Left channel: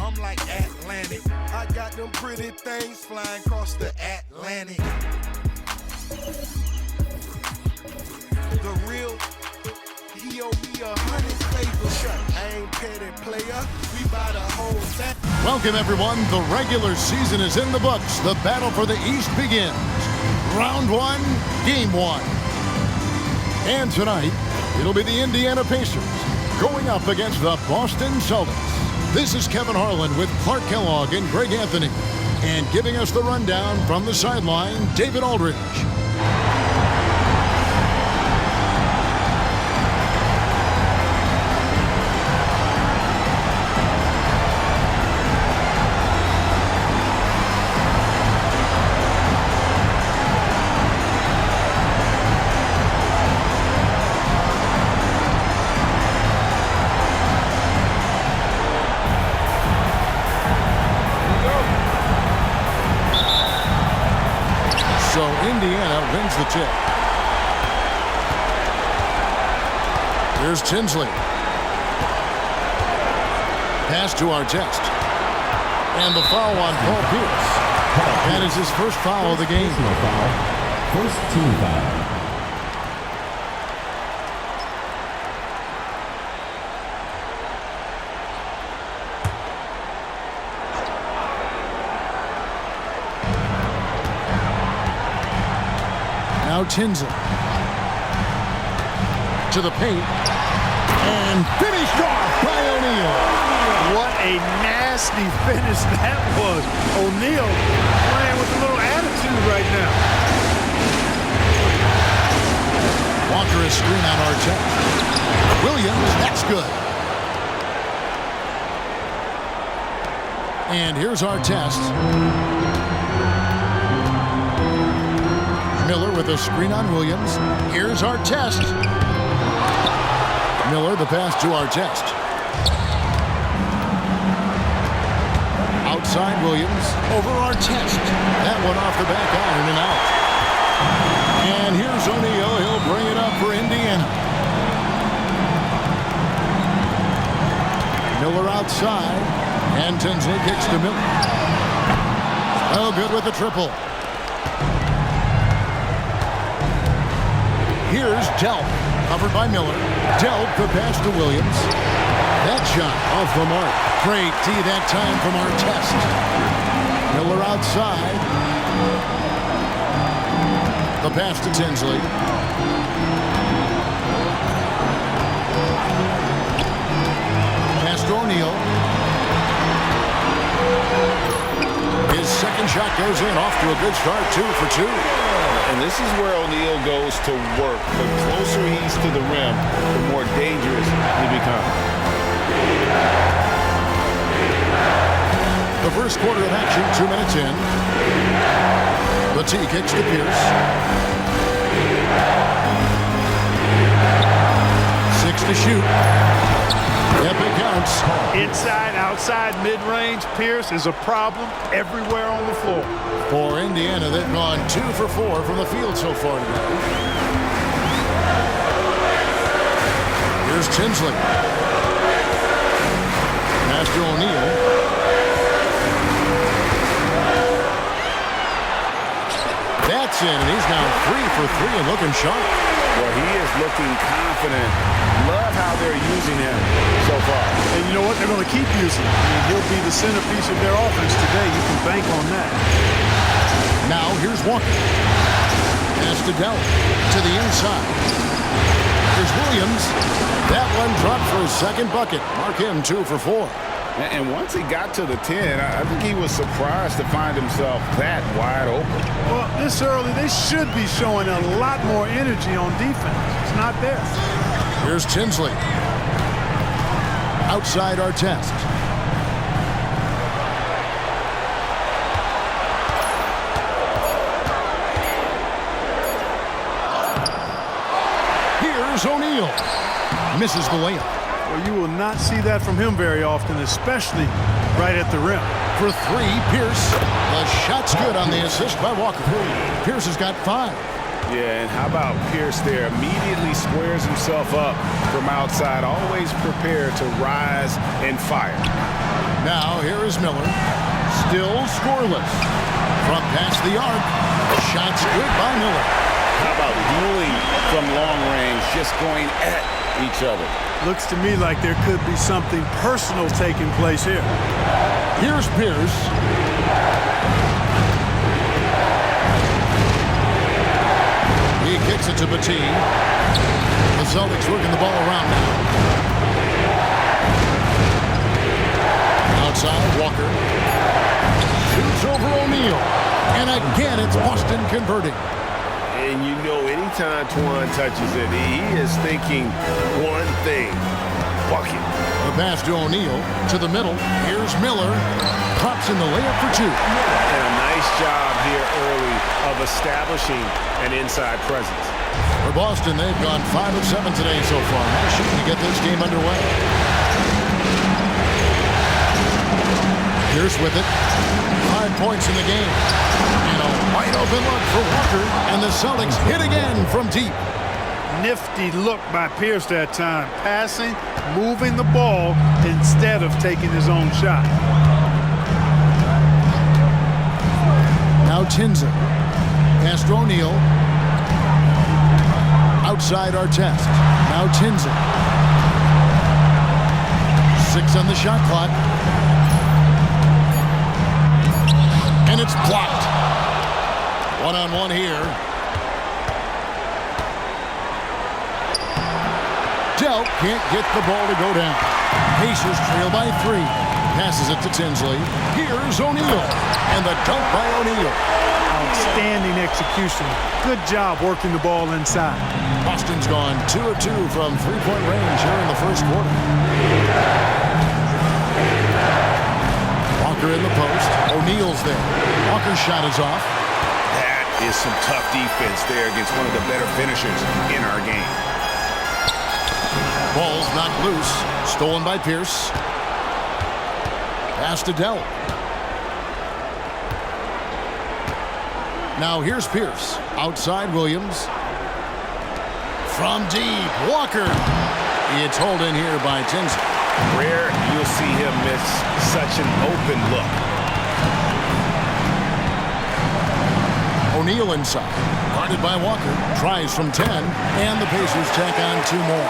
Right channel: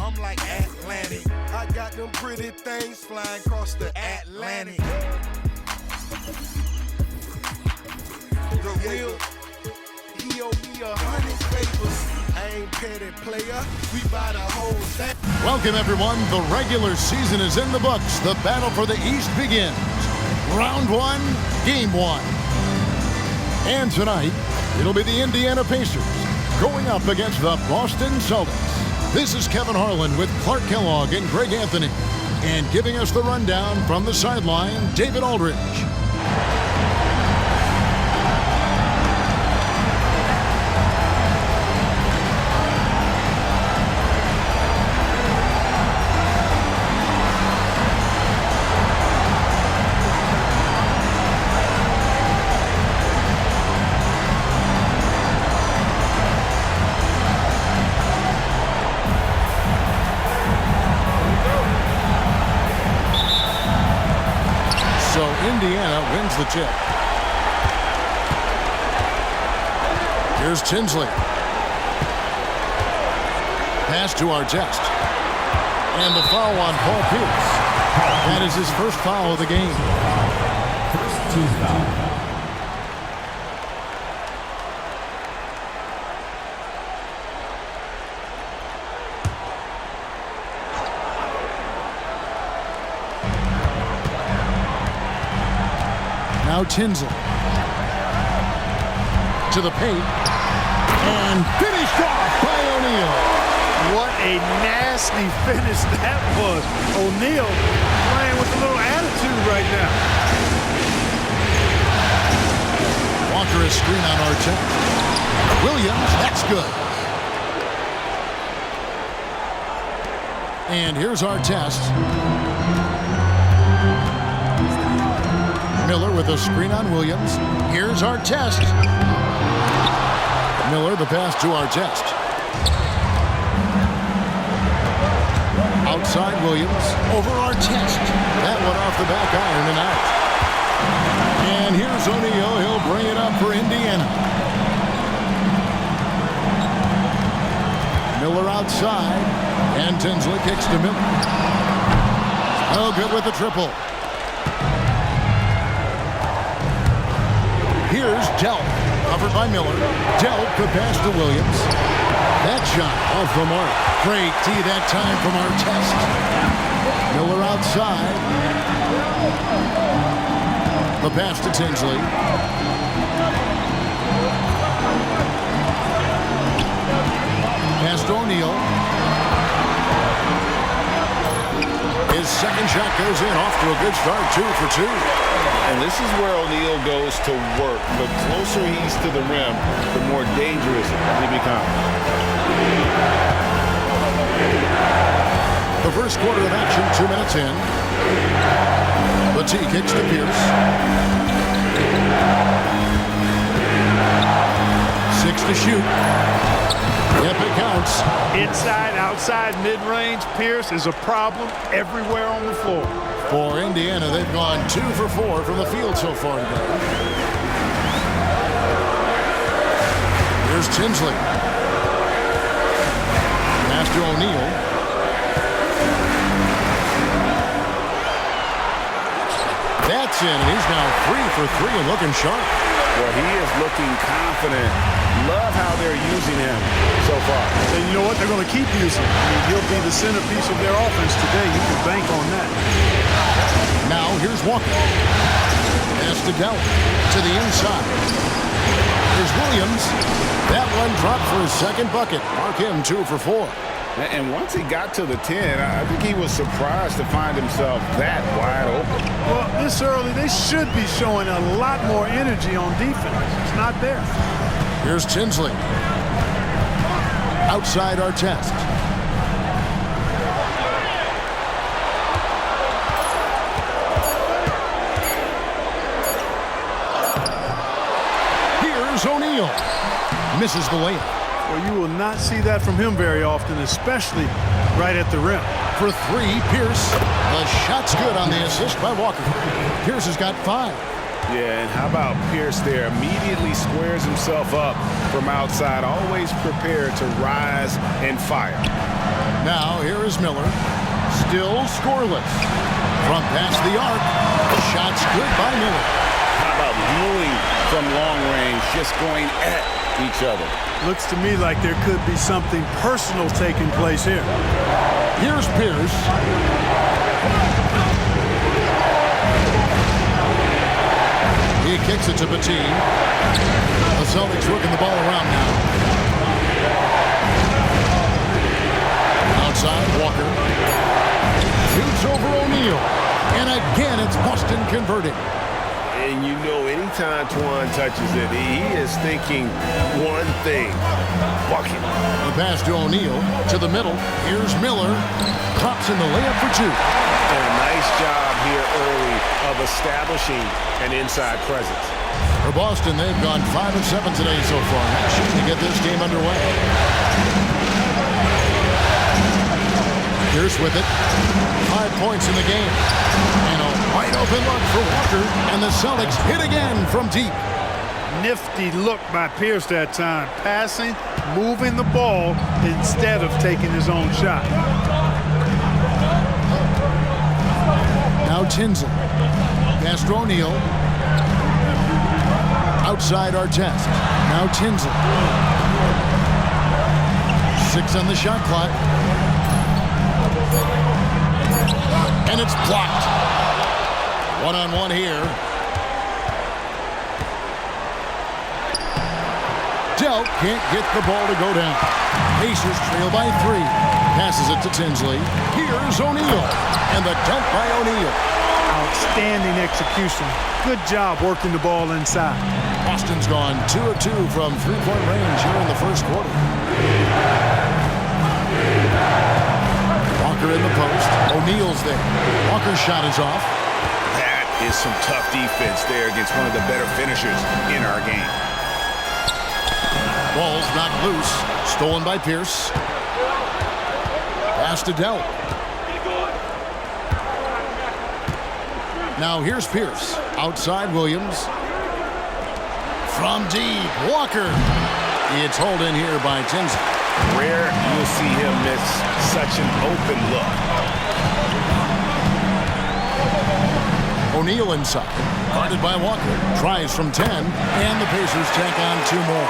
I'm like Atlantic. I got them pretty things flying across the Atlantic. The real, he owe me 100 favors. I ain't petty player. We buy the whole thing. Welcome, everyone. The regular season is in the books. The battle for the East begins. Round 1, Game 1. And tonight, it'll be the Indiana Pacers going up against the Boston Celtics. This is Kevin Harlan with Clark Kellogg and Greg Anthony. And giving us the rundown from the sideline, David Aldridge. So Indiana wins the tip. Here's Tinsley. Pass to Artest. And the foul on Paul Pierce. That is his first foul of the game. First team foul. Now Tinsley to the paint and finished off by O'Neal. What a nasty finish that was. O'Neal playing with a little attitude right now. Walker is screen on Artest. Williams, that's good. And here's Artest. Miller with a screen on Williams. Here's Artest. Miller, the pass to Artest. Outside Williams, over Artest. That one off the back iron and out. And here's O'Neal. He'll bring it up for Indiana. Miller outside. And Tinsley kicks to Miller. Oh, good with the triple. Here's Delp, covered by Miller. Delp, the pass to Williams. That shot off the mark. Great D that time from Artest. Miller outside. The pass to Tinsley. Pass to O'Neal. His second shot goes in, off to a good start, 2 for 2. And this is where O'Neal goes to work. The closer he's to the rim, the more dangerous he becomes. The first quarter of action, 2 minutes in. Latte kicks to Pierce. 6 to shoot. Yep, it counts. Inside, outside, mid-range, Pierce is a problem everywhere on the floor. For Indiana, they've gone 2 for 4 from the field so far today. Here's Tinsley. Pass to O'Neal. That's in, and he's now 3 for 3 and looking sharp. Well, he is looking confident. Love how they're using him so far. And you know what? They're going to keep using him. I mean, he'll be the centerpiece of their offense today. You can bank on that. Now here's Walker. Pass to Delp to the inside. Here's Williams. That one dropped for his second bucket. Mark him 2 for 4. And once he got to the 10, I think he was surprised to find himself that wide open. Well, this early, they should be showing a lot more energy on defense. It's not there. Here's Tinsley. Outside Artest. Here's O'Neal. Misses the layup. Well, you will not see that from him very often, especially right at the rim. For 3, Pierce. The shot's good on the assist by Walker. Pierce has got 5. Yeah, and how about Pierce there? Immediately squares himself up from outside, always prepared to rise and fire. Now here is Miller, still scoreless. From past the arc, shots good by Miller. How about dueling from long range, just going at each other? Looks to me like there could be something personal taking place here. Here's Pierce. He kicks it to Bateen. The Celtics working the ball around now. Outside, Walker. Shoots over O'Neal. And again, it's Boston converting. And you know, anytime Twan touches it, he is thinking one thing: bucket. The pass to O'Neal, to the middle. Here's Miller. Drops in the layup for two. And a nice job here early of establishing an inside presence. For Boston, they've gone 5 of 7 today so far. Nice shooting to get this game underway. Pierce with it. 5 points in the game. And a wide open look for Walker. And the Celtics hit again from deep. Nifty look by Pierce that time. Passing, moving the ball instead of taking his own shot. Now Tinsley. Pass to O'Neal. Outside Artest. Now Tinsley. 6 on the shot clock. And it's blocked. One-on-one here. Delk can't get the ball to go down. Pacers trail by 3. Passes it to Tinsley. Here's O'Neal. And the dunk by O'Neal. Outstanding execution. Good job working the ball inside. Boston's gone 2 of 2 from three-point range here in the first quarter. Walker in the post. O'Neal's there. Walker's shot is off. That is some tough defense there against one of the better finishers in our game. Ball's knocked loose. Stolen by Pierce. Pass to Delk. Now here's Pierce. Outside Williams. From deep, Walker. It's hauled in here by Tinsley. Rare you'll see him miss such an open look. O'Neal inside. Guarded by Walker. Tries from 10. And the Pacers tack on 2 more.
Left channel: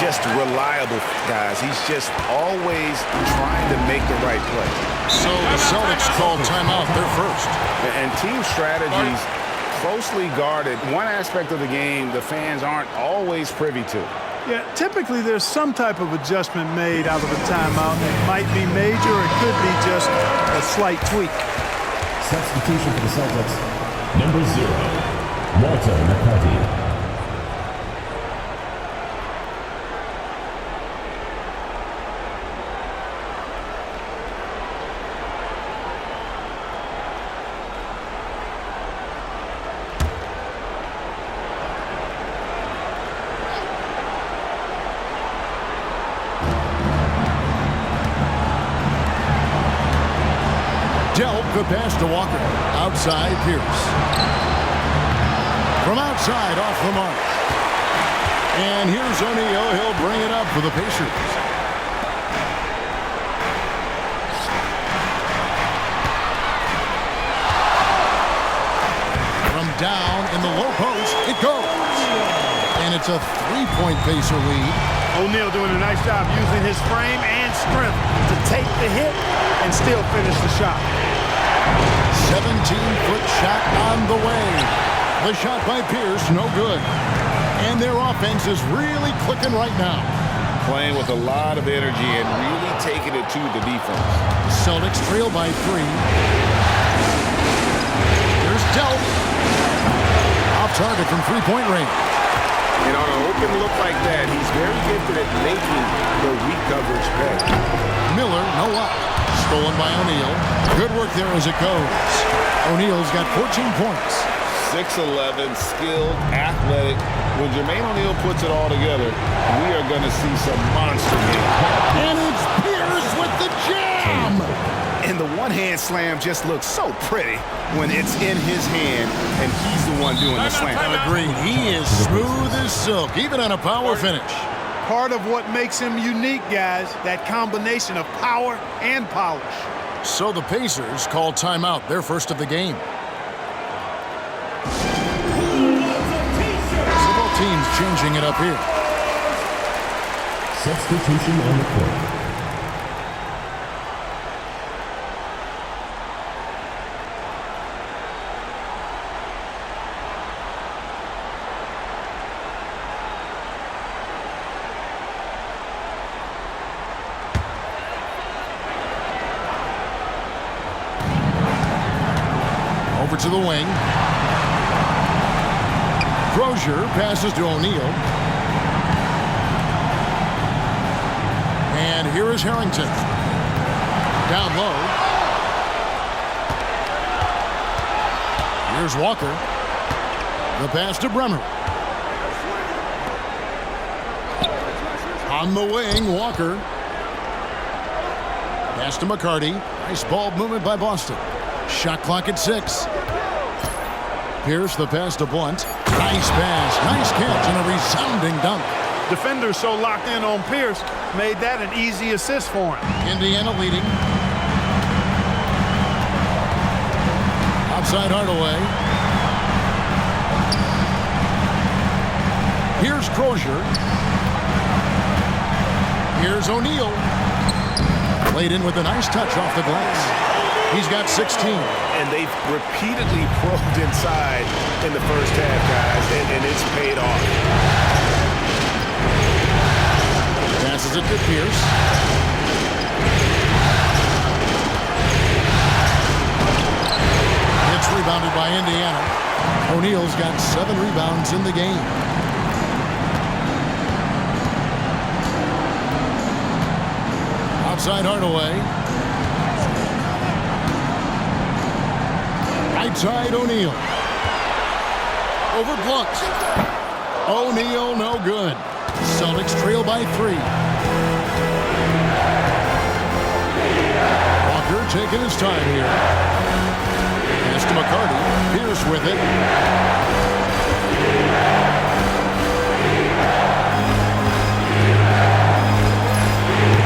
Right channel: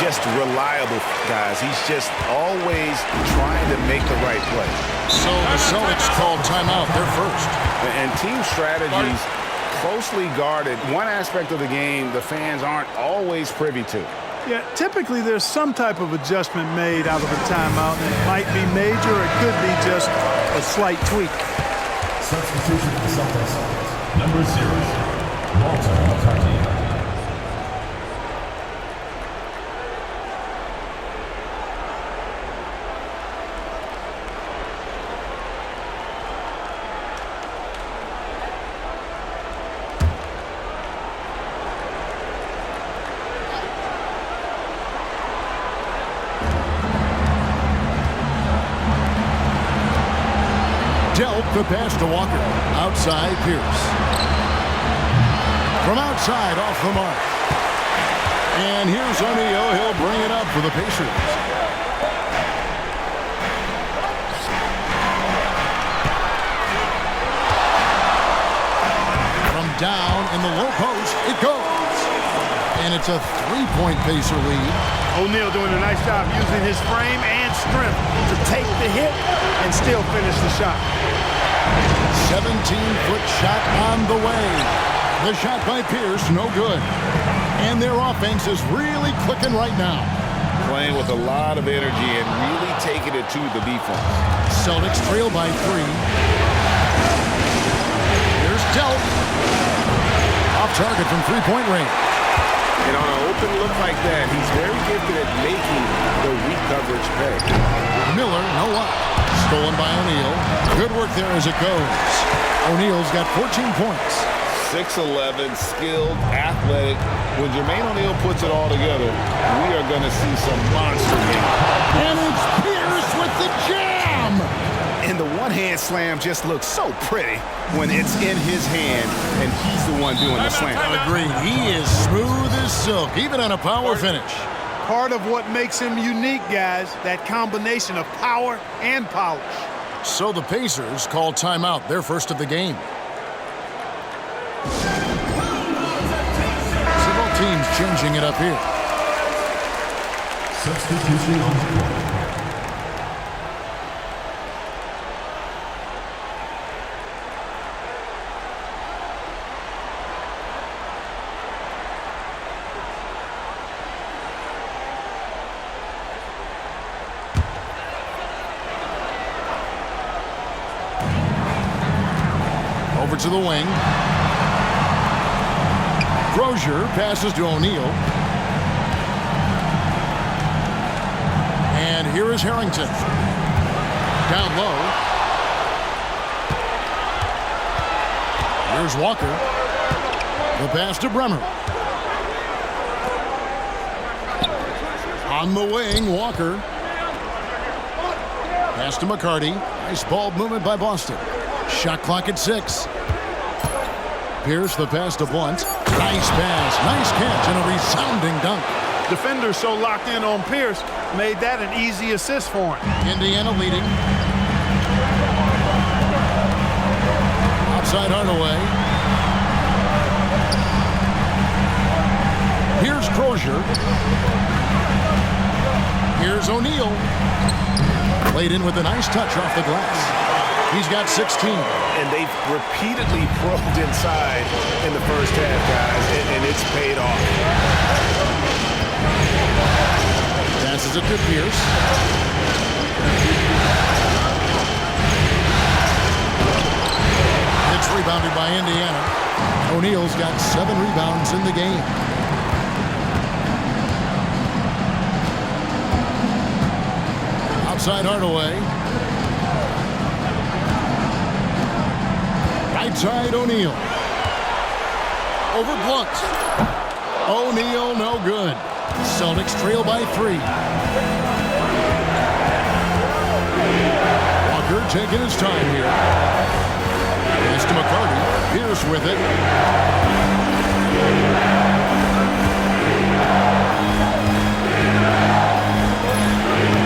Just reliable, guys. He's just always trying to make the right play. So the Celtics called timeout, their first. And team strategies closely guarded. One aspect of the game the fans aren't always privy to. Yeah, typically there's some type of adjustment made out of a timeout. It might be major, or it could be just a slight tweak. Substitution for the Celtics. Number 0, Walter McCarty. Delk, the pass to Walker. Outside, Pierce. From outside, off the mark. And here's O'Neal. He'll bring it up for the Pacers. From down in the low post, it goes. And it's a 3-point Pacer lead. O'Neal doing a nice job using his frame and strength to take the hit and still finish the shot. 17-foot shot on the way. The shot by Pierce, no good. And their offense is really clicking right now. Playing with a lot of energy and really taking it to the defense. Celtics trail by 3. Here's Delk. Off target from 3-point range. And on an open look like that, he's very gifted at making the weak coverage pay. Miller, no up. Stolen by O'Neal. Good work there as it goes. O'Neal's got 14 points. 6'11", skilled, athletic. When Jermaine O'Neal puts it all together, we are going to see some monster games. And it's Pierce with the jam! And the one-hand slam just looks so pretty when it's in his hand and he's the one doing the slam. Agreed. He is smooth as silk, even on a power finish. Part of what makes him unique, guys, that combination of power and polish. So the Pacers call timeout, their first of the game. So both teams changing it up here. Substitution on the court. Over to the wing. Crozier passes to O'Neal. And here is Harrington. Down low. Here's Walker. The pass to Bremer. On the wing, Walker. Pass to McCarty. Nice ball movement by Boston. Shot clock at 6. Pierce, the pass to Blunt. Nice pass, nice catch, and a resounding dunk. Defenders so locked in on Pierce made that an easy assist for him. Indiana leading. Outside Hardaway. Here's Crozier. Here's O'Neal. Played in with a nice touch off the glass. He's got 16. And they've repeatedly probed inside in the first half, guys, and it's paid off. Passes it to Pierce. It's rebounded by Indiana. O'Neal's got 7 rebounds in the game. Outside Hardaway. Right side, O'Neal. Over Blunt. O'Neal, no good. Celtics trail by 3. Walker taking his time here. Pass to McCarty. Pierce with it.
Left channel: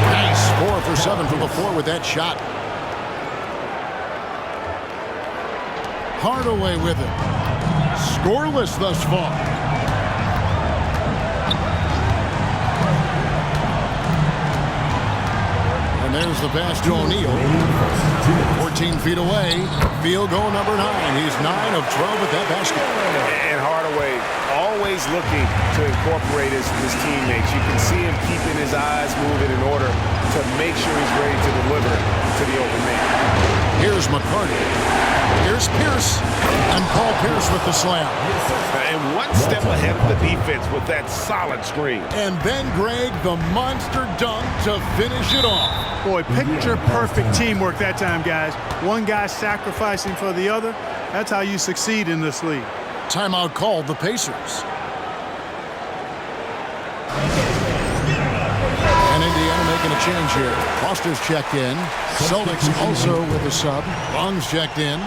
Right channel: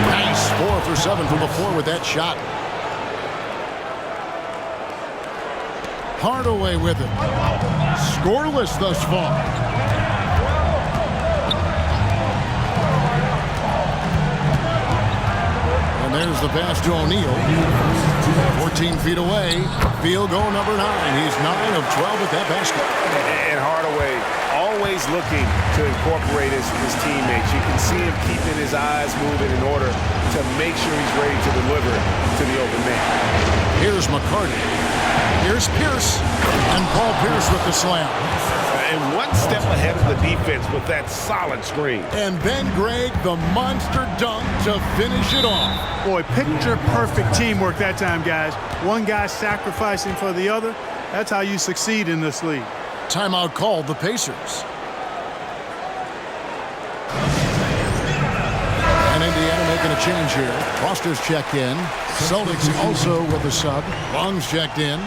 Nice 4 for 7 from the floor with that shot. Hardaway with it. Scoreless thus far. And there's the pass to O'Neal. 14 feet away. Field goal number 9. He's 9 of 12 with that basket. And Hardaway always looking to incorporate his teammates. You can see him keeping his eyes moving in order to make sure he's ready to deliver to the open man. Here's McCarty. Here's Pierce. And Paul Pierce with the slam. And one step ahead of the defense with that solid screen. And then Greg, the monster dunk to finish it off. Boy, picture-perfect teamwork that time, guys. One guy sacrificing for the other. That's how you succeed in this league. Timeout called the Pacers. And Indiana making a change here. Foster's checked in. Celtics also with a sub. Long's checked in.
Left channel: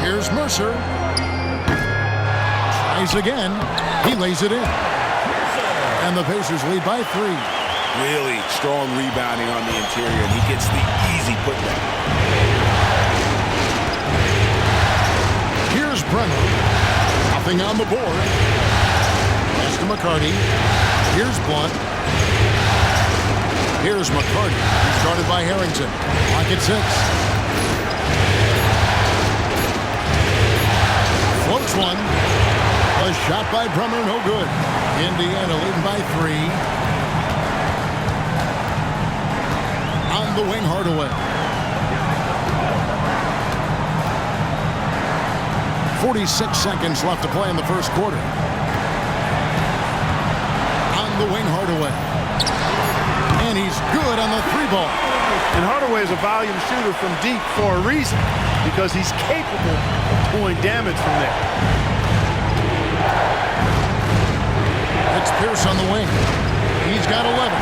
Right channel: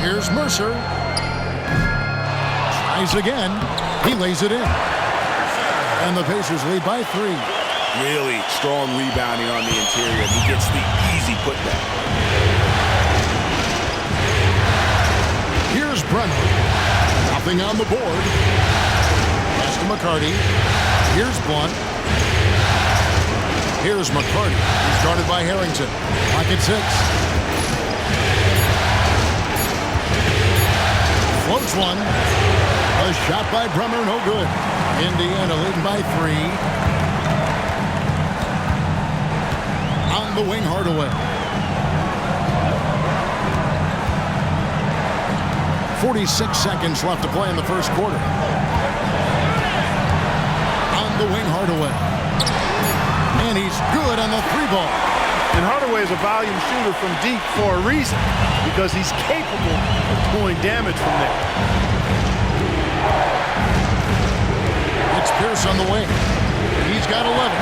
Here's Mercer. Tries again. He lays it in. And the Pacers lead by 3. Really strong rebounding on the interior, and he gets the easy putback. Here's Bremer. Nothing on the board. Pass to McCarty. Here's Blunt. Here's McCarty. He's guarded by Harrington. Clock at 6. Floats one. A shot by Bremer, no good. Indiana leading by 3. On the wing, Hardaway. 46 seconds left to play in the first quarter. the wing, Hardaway. And he's good on the 3-ball. And Hardaway is a volume shooter from deep for a reason, because he's capable of doing damage from there. It's Pierce on the wing. He's got 11.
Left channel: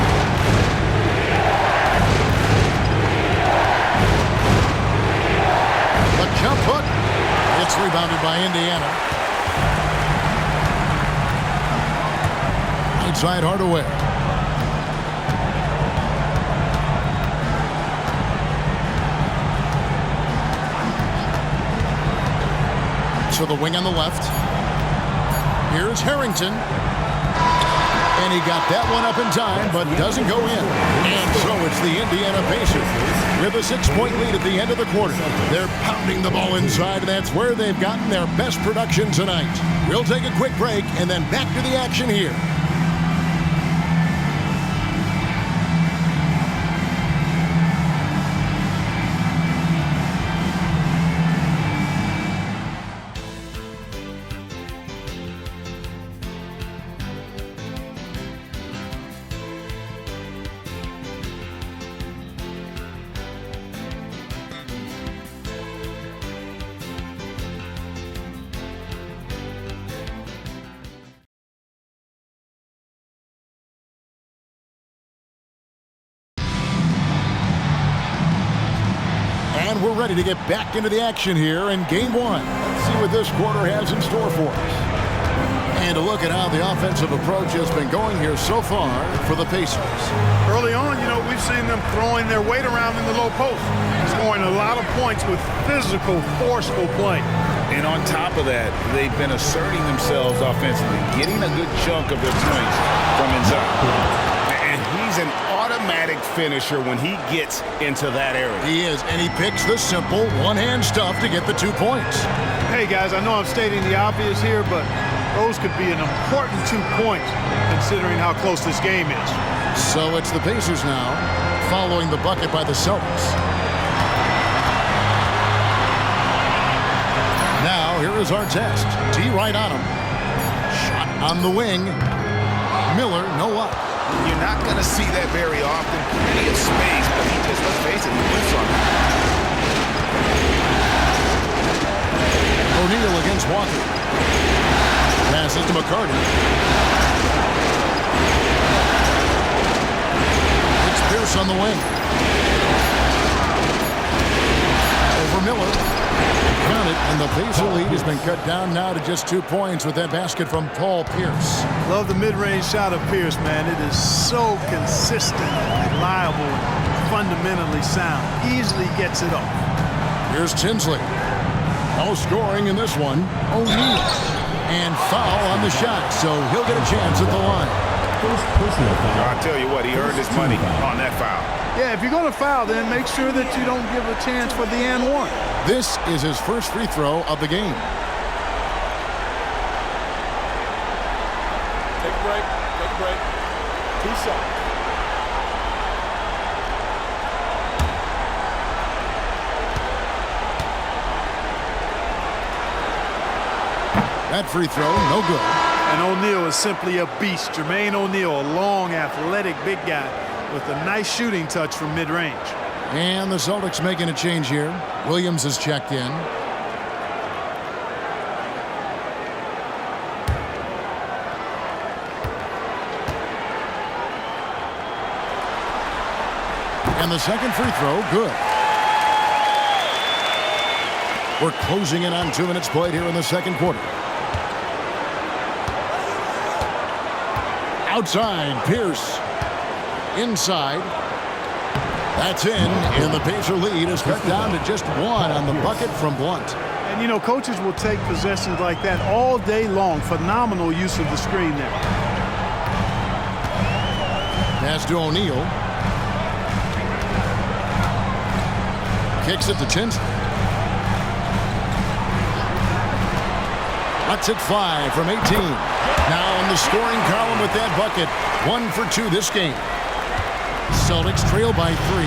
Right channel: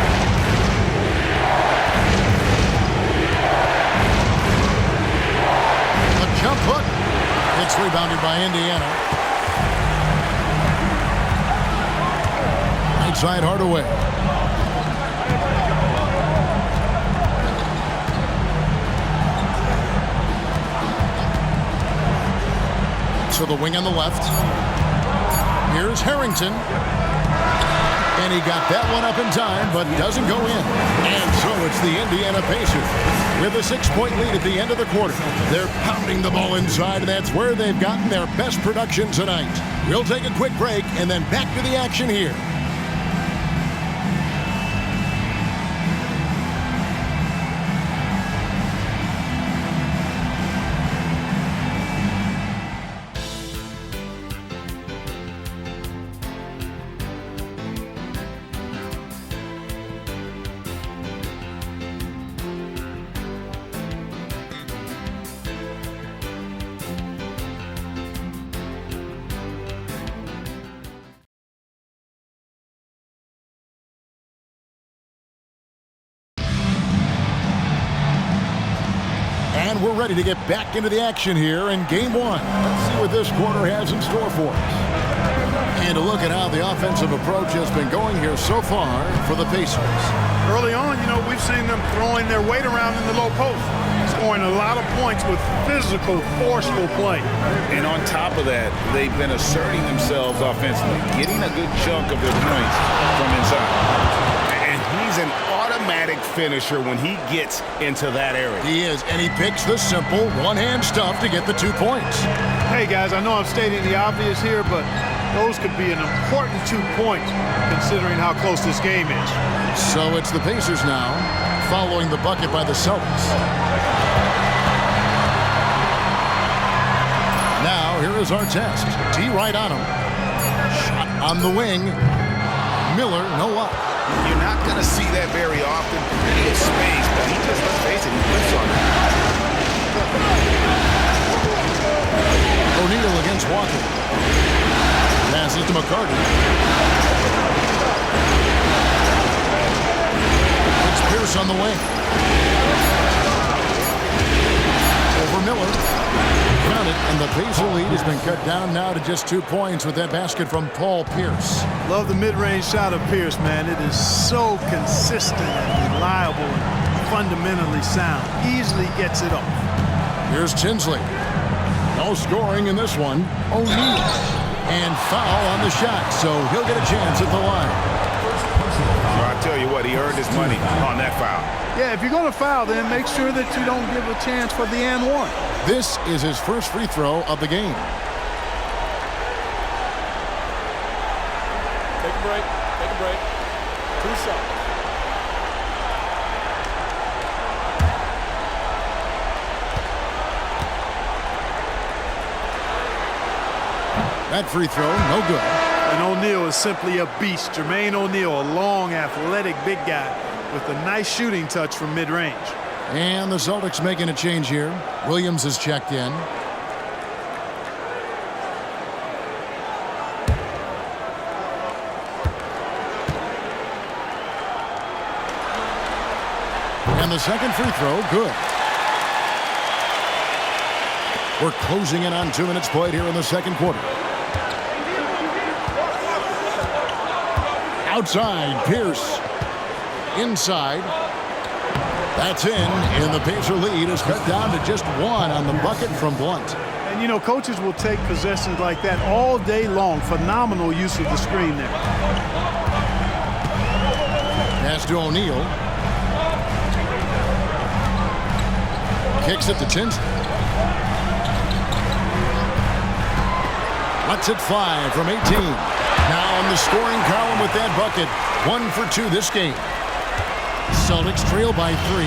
A jump hook. It's rebounded by Indiana. Right side Hardaway. To the wing on the left. Here's Harrington. And he got that one up in time, but doesn't go in. And so it's the Indiana Pacers with a 6-point lead at the end of the quarter. They're pounding the ball inside, and that's where they've gotten their best production tonight. We'll take a quick break and then back to the action here. And we're ready to get back into the action here in Game 1. Let's see what this quarter has in store for us. And a look at how the offensive approach has been going here so far for the Pacers. Early on, we've seen them throwing their weight around in the low post, scoring a lot of points with physical, forceful play. And on top of that, they've been asserting themselves offensively, getting a good chunk of their points from inside. And he's an automatic finisher when he gets into that area. He is, and he picks the simple one-hand stuff to get the 2 points. Hey, guys, I know I'm stating the obvious here, but those could be an important 2 points considering how close this game is. So it's the Pacers now, following the bucket by the Celtics. Now, here is our test. T right on him. Shot on the wing. Miller, no luck. You're not going to see that very often. Plenty of space, but he just, let's face it, he whiffs on that. O'Neal against Walker. Passes to McCarty. It's Pierce on the wing. Over Miller. Found it, and the Pacer lead has been cut down now to just 2 points with that basket from Paul Pierce. Love the mid-range shot of Pierce, man. It is so consistent and reliable and fundamentally sound. Easily gets it off. Here's Tinsley. No scoring in this one. O'Neal. And foul on the shot, so he'll get a chance at the line. First personal foul. So I tell you what, he earned his money on that foul. Yeah, if you're going to foul, then make sure that you don't give a chance for the and one. This is his first free throw of the game. Take a break. Take a break. 2 shots. That free throw, no good. And O'Neal is simply a beast. Jermaine O'Neal, a long, athletic, big guy with a nice shooting touch from mid-range. And the Celtics making a change here. Williams is checked in. And the second free throw, good. We're closing in on 2 minutes played here in the second quarter. Outside, Pierce. Inside. That's in, and the Pacer lead is cut down to just 1 on the bucket from Blunt. And, coaches will take possessions like that all day long. Phenomenal use of the screen there. Pass to O'Neal. Kicks it to Tinsley. Lets it fly from 18. Now on the scoring column with that bucket. 1 for 2 this game. Celtics trail by 3.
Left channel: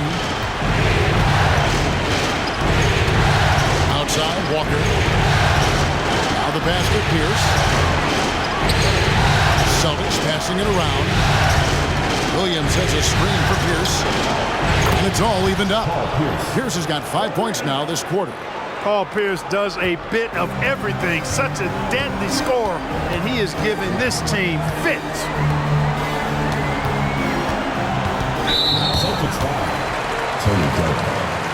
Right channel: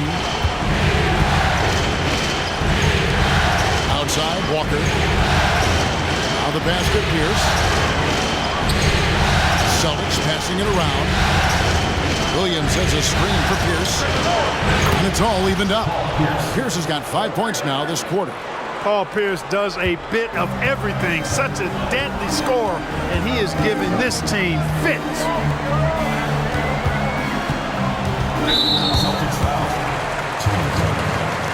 Outside, Walker. Now the basket, Pierce. Celtics passing it around. Williams has a screen for Pierce. And it's all evened up. Pierce has got 5 points now this quarter. Paul Pierce does a bit of everything. Such a deadly scorer, and he is giving this team fits. Celtics foul. Tony Doe.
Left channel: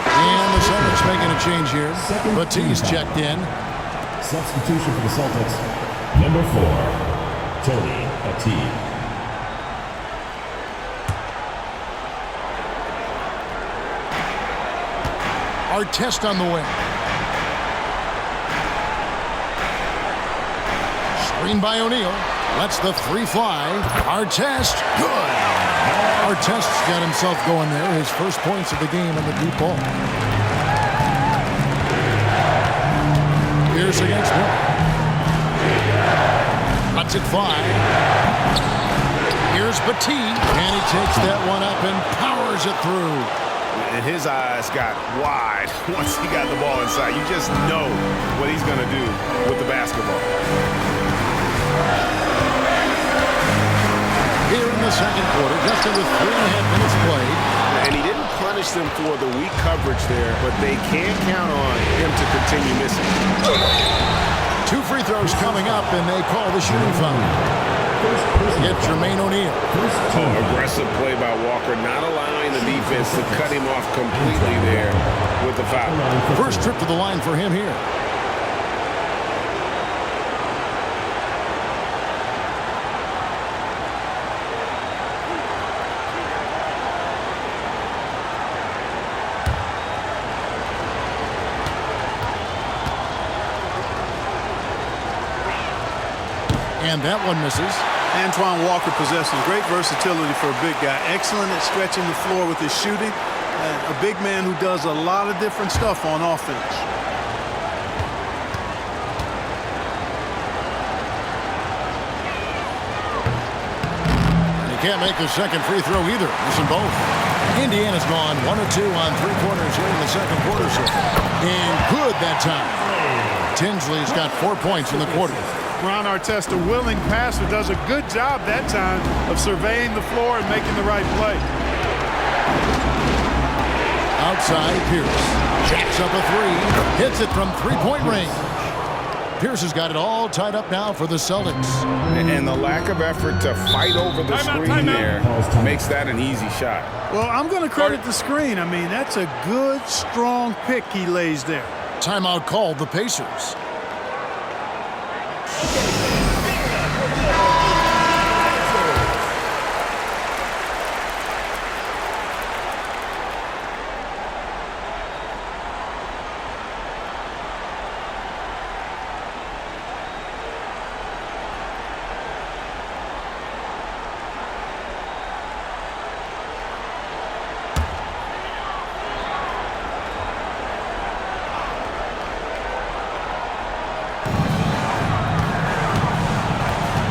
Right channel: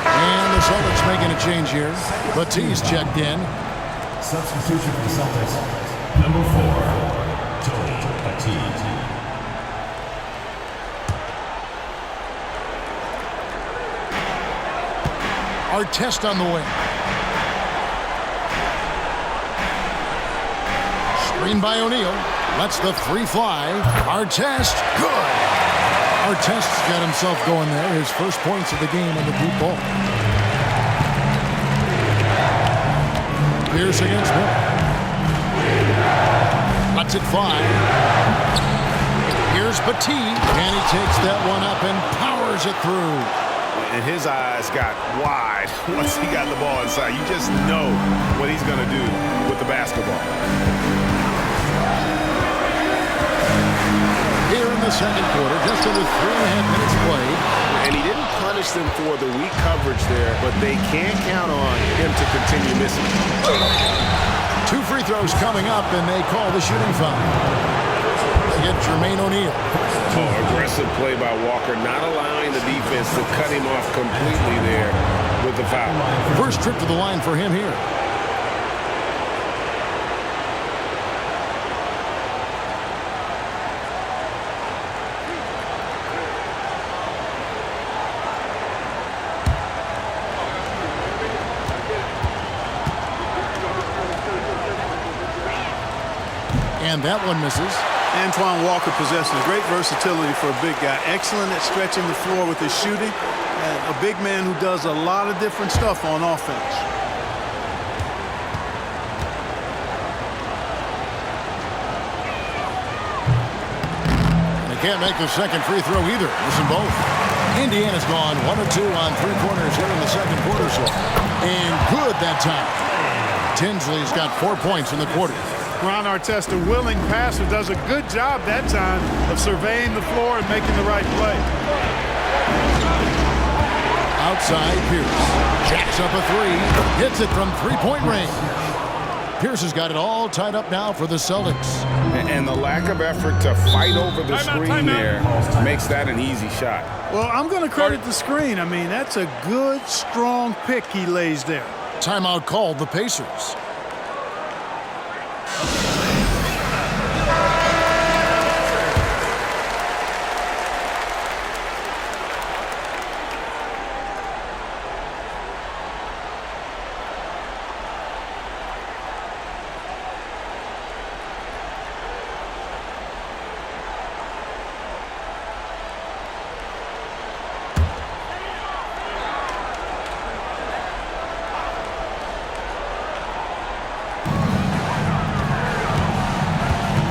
And the Celtics making a change here. Batiste checked in. Substitution for the Celtics. Number 4, Tony Batiste. Artest on the wing. Screen by O'Neal. Lets the three fly. Artest, good. Artest's got himself going there. His first points of the game on the deep ball. Pierce against Miller. Lets it fly. Here's Batiste. And he takes that one up and powers it through. And his eyes got wide once he got the ball inside. You just know what he's going to do with the basketball. Here in the second quarter, just under 3.5 minutes played. And he didn't punish them for the weak coverage there, but they can't count on him to continue missing. 2 free throws coming up, and they call the shooting foul. Get Jermaine O'Neal. Aggressive play by Walker, not allowing the defense to cut him off completely there with the foul. First trip to the line for him here. And that one misses. Antoine Walker possesses great versatility for a big guy. Excellent at stretching the floor with his shooting. And a big man who does a lot of different stuff on offense. And he can't make the second free throw either. Missing both. Indiana's gone 1 of 2 on three-pointers here in the second quarter so far. And good that time. Tinsley's got 4 points in the quarter. Ron Artest, a willing passer, does a good job that time of surveying the floor and making the right play. Outside, Pierce. Jacks up a three. Hits it from three-point range. Pierce has got it all tied up now for the Celtics. And the lack of effort to fight over the screen there makes that an easy shot. Well, I'm going to credit the screen. I mean, that's a good, strong pick he lays there. Timeout called the Pacers.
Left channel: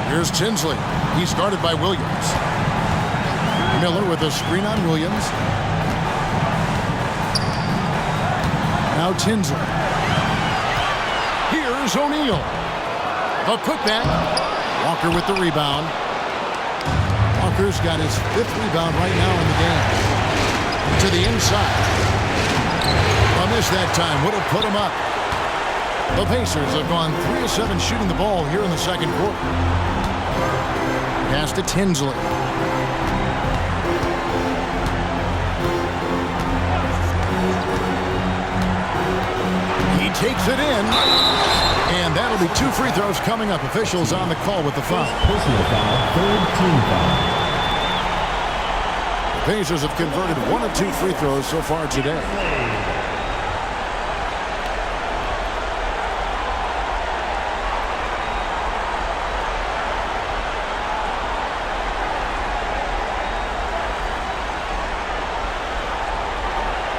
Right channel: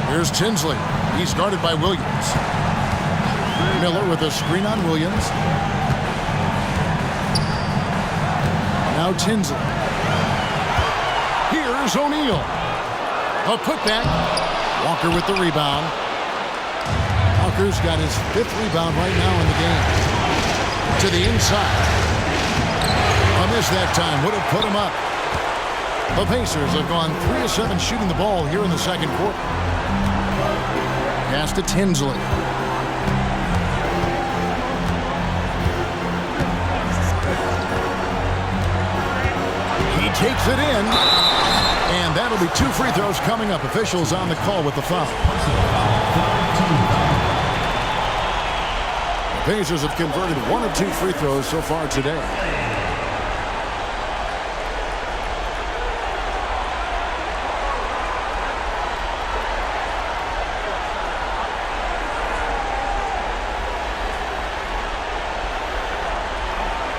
Here's Tinsley. He's guarded by Williams. Miller with a screen on Williams. Now Tinsley. Here's O'Neal. A putback. Walker with the rebound. Walker's got his 5th rebound right now in the game. To the inside. A miss that time. Would have put him up. The Pacers have gone 3 of 7 shooting the ball here in the second quarter. Pass to Tinsley. He takes it in. And that'll be 2 free throws coming up. Officials on the call with the foul. Personal foul, third team foul. The Pacers have converted 1 of 2 free throws so far today.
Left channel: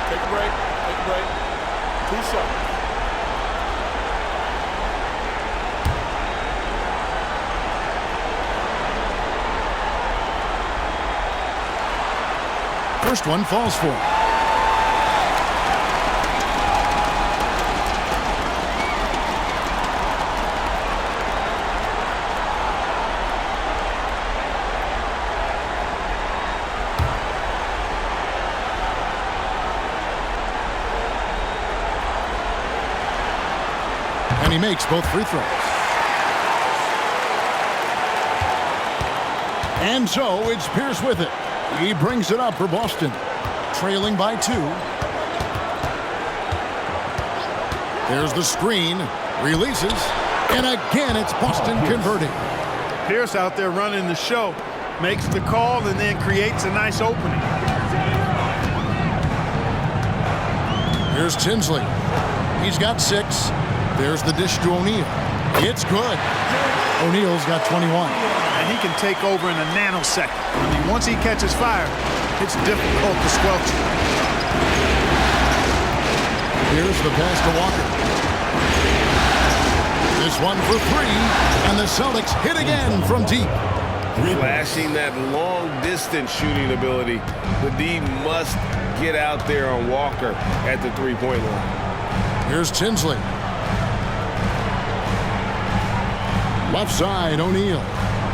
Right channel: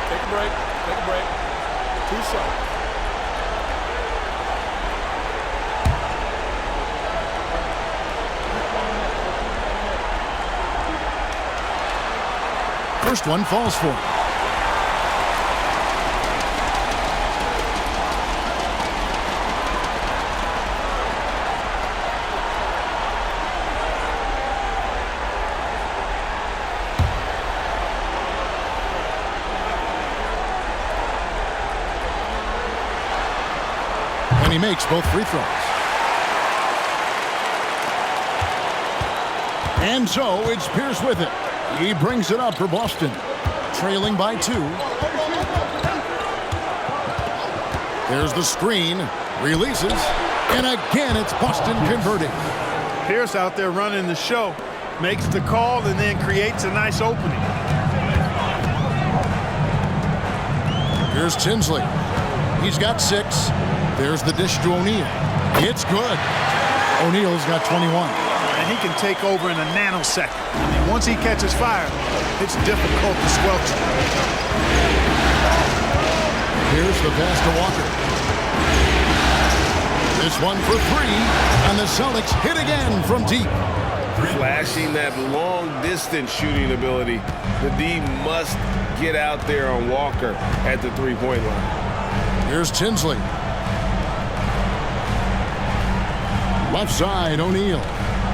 Take a break. Take a break. 2 shots. First one falls for him. And he makes both free throws. And so it's Pierce with it. He brings it up for Boston. Trailing by 2. There's the screen. Releases. And again, it's Boston converting. Pierce out there running the show. Makes the call and then creates a nice opening. Here's Tinsley. He's got 6. There's the dish to O'Neal. It's good. O'Neal's got 21. And he can take over in a nanosecond. I mean, once he catches fire, it's difficult to squelch it. Here's the pass to Walker. This one for 3, and the Celtics hit again from deep. Flashing that long-distance shooting ability. The D must get out there on Walker at the three-point line. Here's Tinsley. Left side, O'Neal.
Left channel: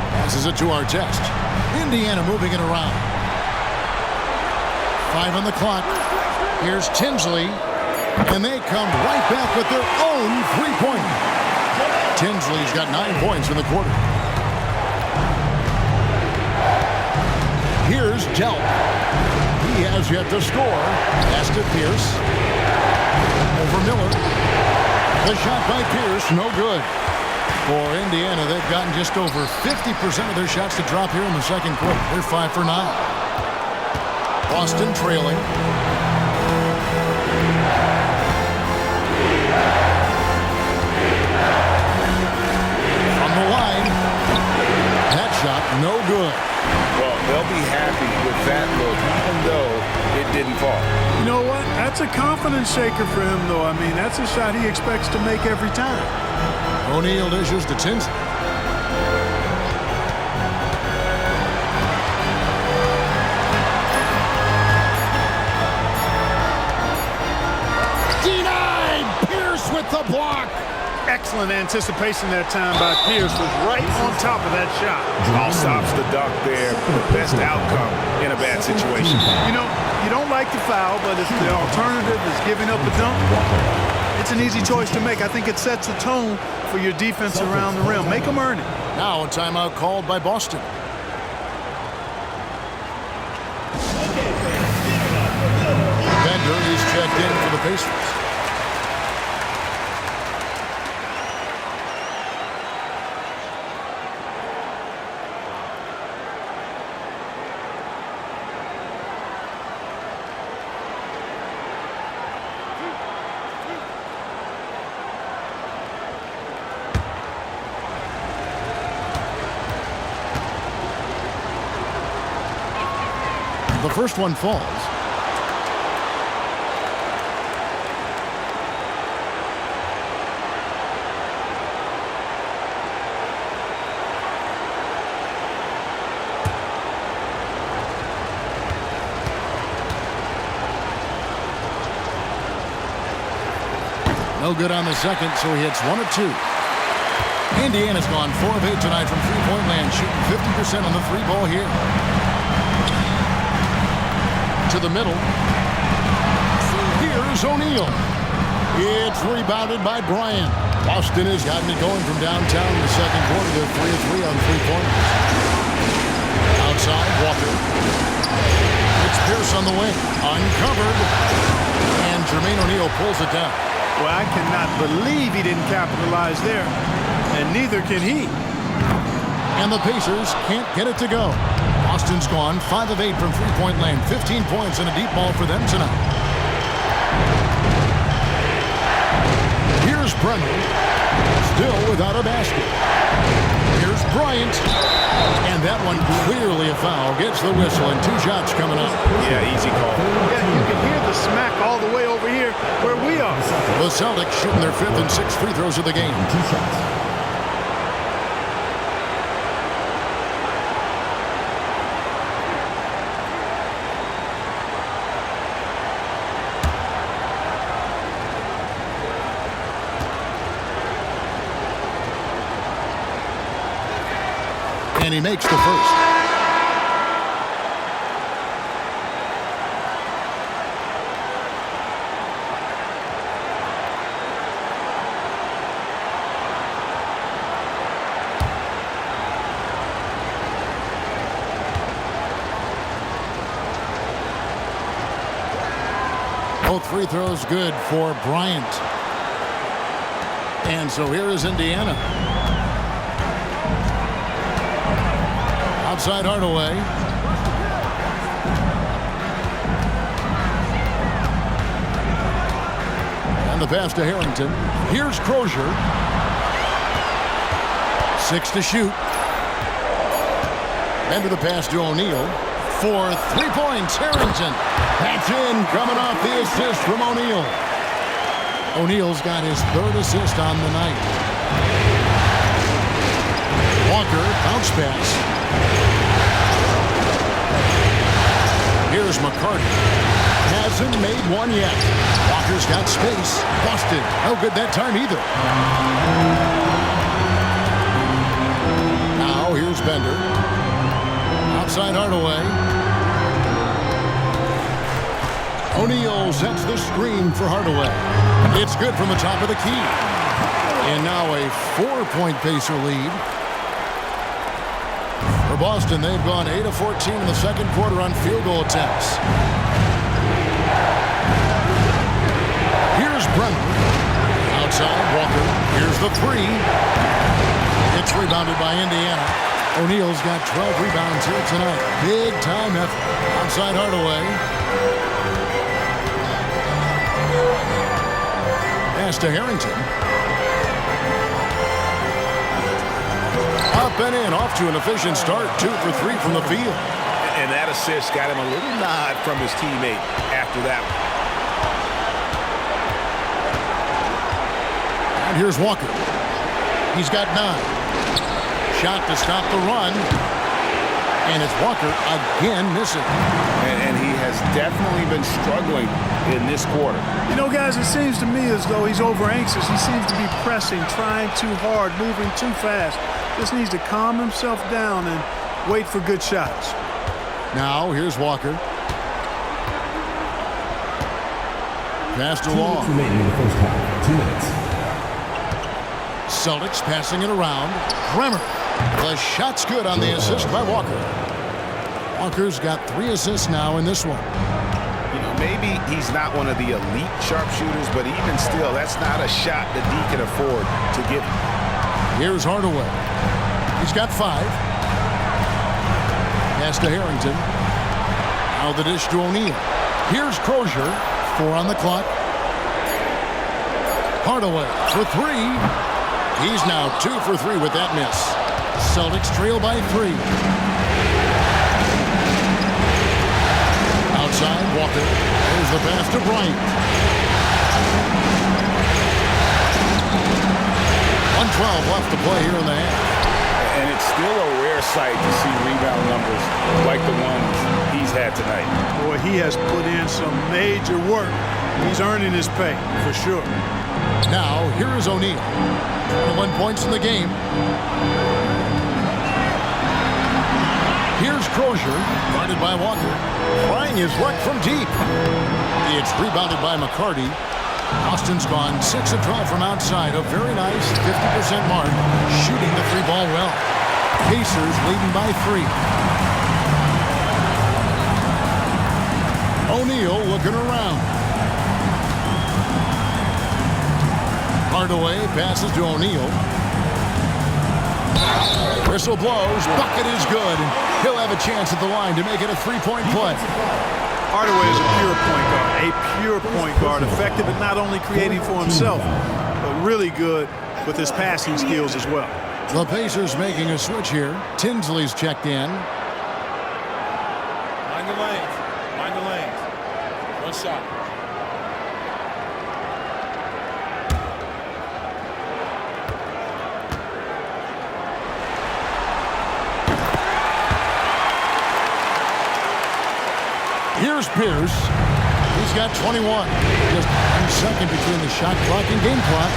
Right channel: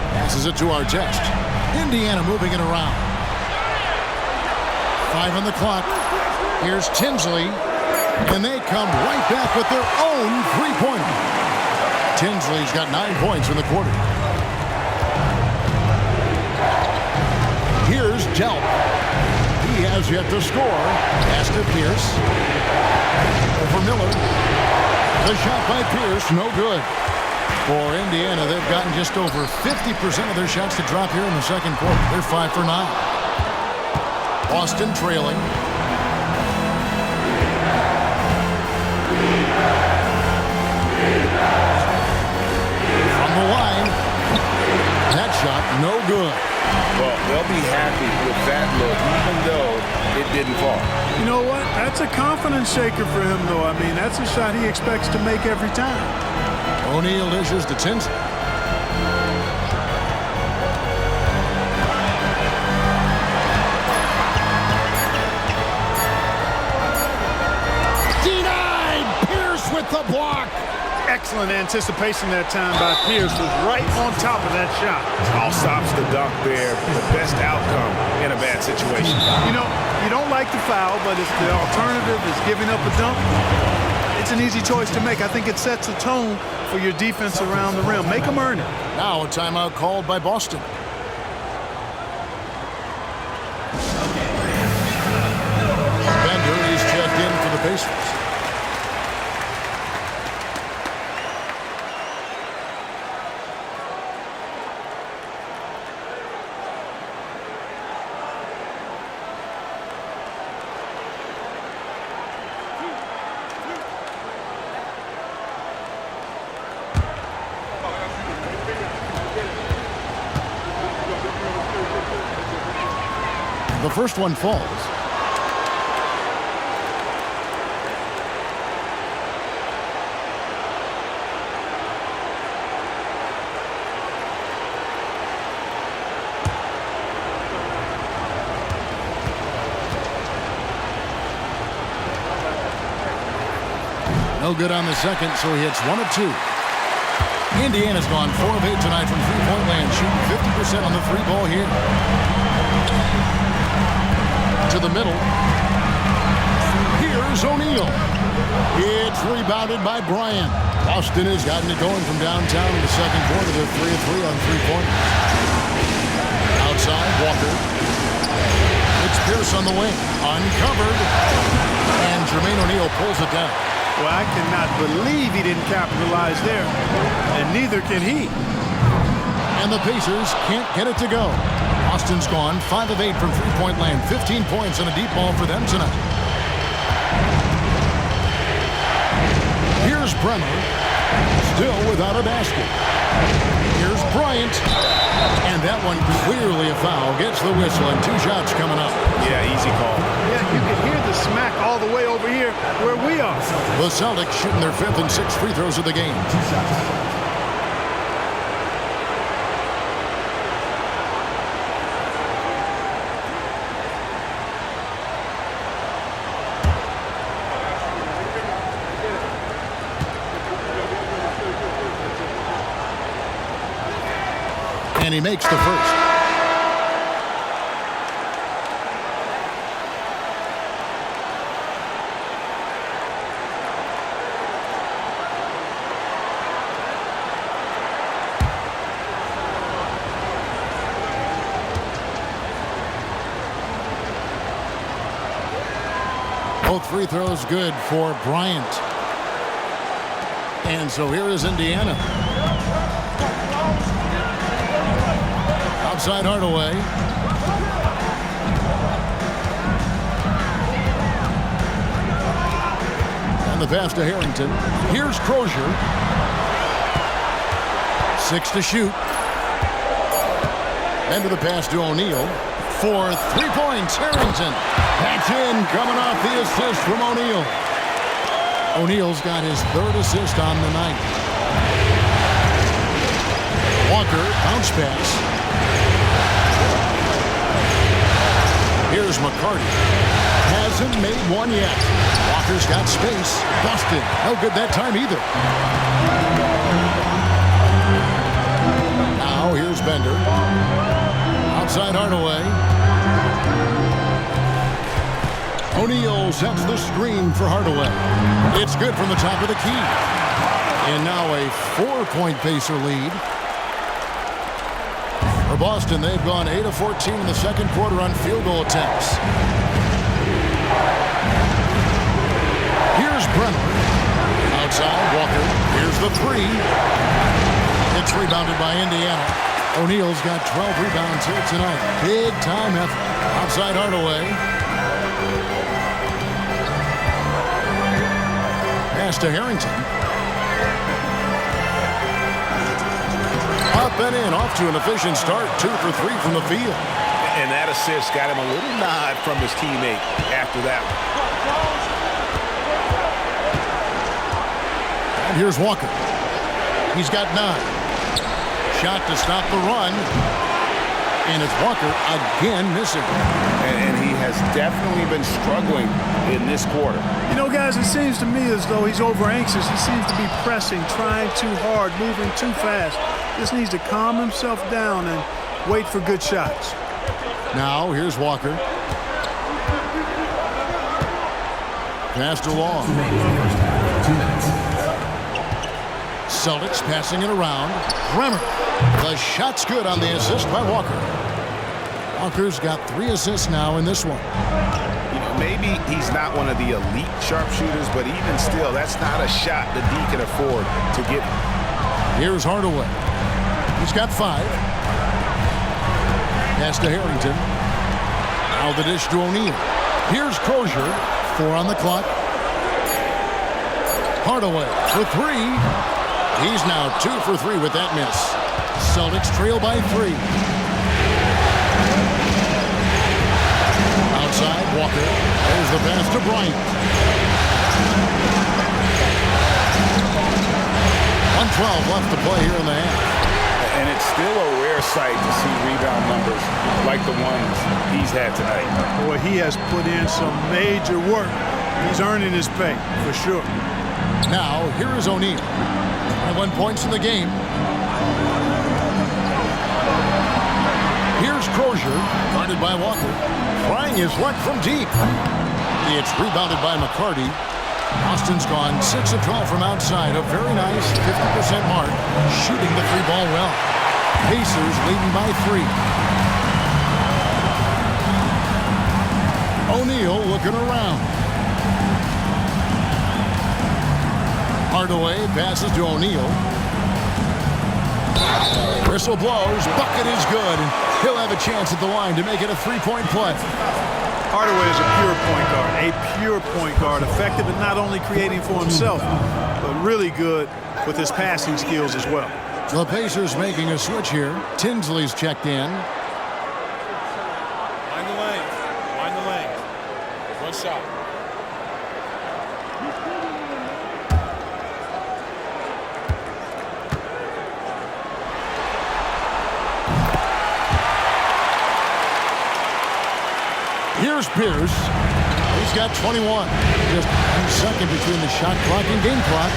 Passes it to Artest. Indiana moving it around. 5 on the clock. Here's Tinsley. And they come right back with their own three-pointer. Tinsley's got 9 points in the quarter. Here's Delp. He has yet to score. Pass to Pierce. Over Miller. The shot by Pierce, no good. For Indiana, they've gotten just over 50% of their shots to drop here in the second quarter. They're 5 for 9. Boston trailing. From the line. That shot, no good. Well, they'll be happy with that look, even though it didn't fall. You know what? That's a confidence shaker for him, though. I mean, that's a shot he expects to make every time. O'Neal dishes to Tinsley. Denied! Pierce with the block. Excellent anticipation that time by Pierce. Was right on top of that shot. All stops the dunk there. The best outcome in a bad situation. You know, you don't like the foul, but if the alternative is giving up a dunk, it's an easy choice to make. I think it sets a tone for your defense around the rim. Make them earn it. Now a timeout called by Boston. Bender is checked in for the Pacers. The first one falls. No good on the second, so he hits 1 of 2. Indiana's gone 4 of 8 tonight from three-point land, shooting 50% on the 3 ball here. To the middle. Here's O'Neal. It's rebounded by Bryant. Boston has gotten it going from downtown in the second quarter. They're 3 of 3 on 3-pointers. Outside, Walker. It's Pierce on the wing. Uncovered. And Jermaine O'Neal pulls it down. Well, I cannot believe he didn't capitalize there. And neither can he. And the Pacers can't get it to go. Boston's gone 5 of 8 from three-point land. 15 points and a deep ball for them tonight. Here's Bremer. Still without a basket. Here's Bryant. And that one clearly a foul. Gets the whistle and 2 shots coming up. Yeah, easy call. Yeah, you can hear the smack all the way over here where we are. The Celtics shooting their 5th and 6th free throws of the game. 2 shots. And he makes the first. Both free throws good for Bryant. And so here is Indiana. Outside Hardaway. And the pass to Harrington. Here's Crozier. 6 to shoot. Into the pass to O'Neal. For 3 points, Harrington. That's in, coming off the assist from O'Neal. O'Neal's got his 3rd assist on the night. Walker, bounce pass. Here's McCarty. Hasn't made one yet. Walker's got space. Busted. No good that time either. Now here's Bender. Outside Hardaway. O'Neal sets the screen for Hardaway. It's good from the top of the key. And now a 4-point Pacer lead. For Boston, they've gone 8 of 14 in the second quarter on field goal attempts. Here's Bremer. Outside, Walker. Here's the 3. It's rebounded by Indiana. O'Neal's got 12 rebounds here tonight. Big time effort. Outside Hardaway. Pass to Harrington. Up and in, off to an efficient start. 2 for 3 from the field. And that assist got him a little nod from his teammate after that one. And here's Walker. He's got 9. Shot to stop the run. And it's Walker again missing. And he has definitely been struggling in this quarter. You know, guys, it seems to me as though he's over anxious. He seems to be pressing, trying too hard, moving too fast. Just needs to calm himself down and wait for good shots. Now here's Walker. Pass to Long. Remaining in the first half. 2 minutes. Celtics passing it around. Bremer. The shot's good on the assist by Walker. Walker's got 3 assists now in this one. You know, maybe he's not one of the elite sharpshooters, but even still, that's not a shot that D can afford to give him. Here's Hardaway. He's got 5. Pass to Harrington. Now the dish to O'Neal. Here's Crozier. 4 on the clock. Hardaway for 3. He's now 2 for 3 with that miss. Celtics trail by 3. Outside, Walker. There's the pass to Bryant. 1:12 left to play here in the half. And it's still a rare sight to see rebound numbers like the ones he's had tonight. Boy, he has put in some major work. He's earning his pay, for sure. Now, here is O'Neal. 21 points in the game. Here's Crozier, guarded by Walker. Trying his luck from deep. It's rebounded by McCarty. Austin's gone 6 of 12 from outside. A very nice 50% mark. Shooting the 3-ball well. Pacers leading by 3. O'Neal looking around. Hardaway passes to O'Neal. Whistle blows. Bucket is good. And he'll have a chance at the line to make it a 3-point play. Hardaway is a pure point guard. A pure point guard. Effective at not only creating for himself, but really good with his passing skills as well. The Pacers making a switch here. Tinsley's checked in. Mind the lanes. Mind the lanes. 1 shot. Here's Pierce. He's got 21. Just 1 second between the shot clock and game clock.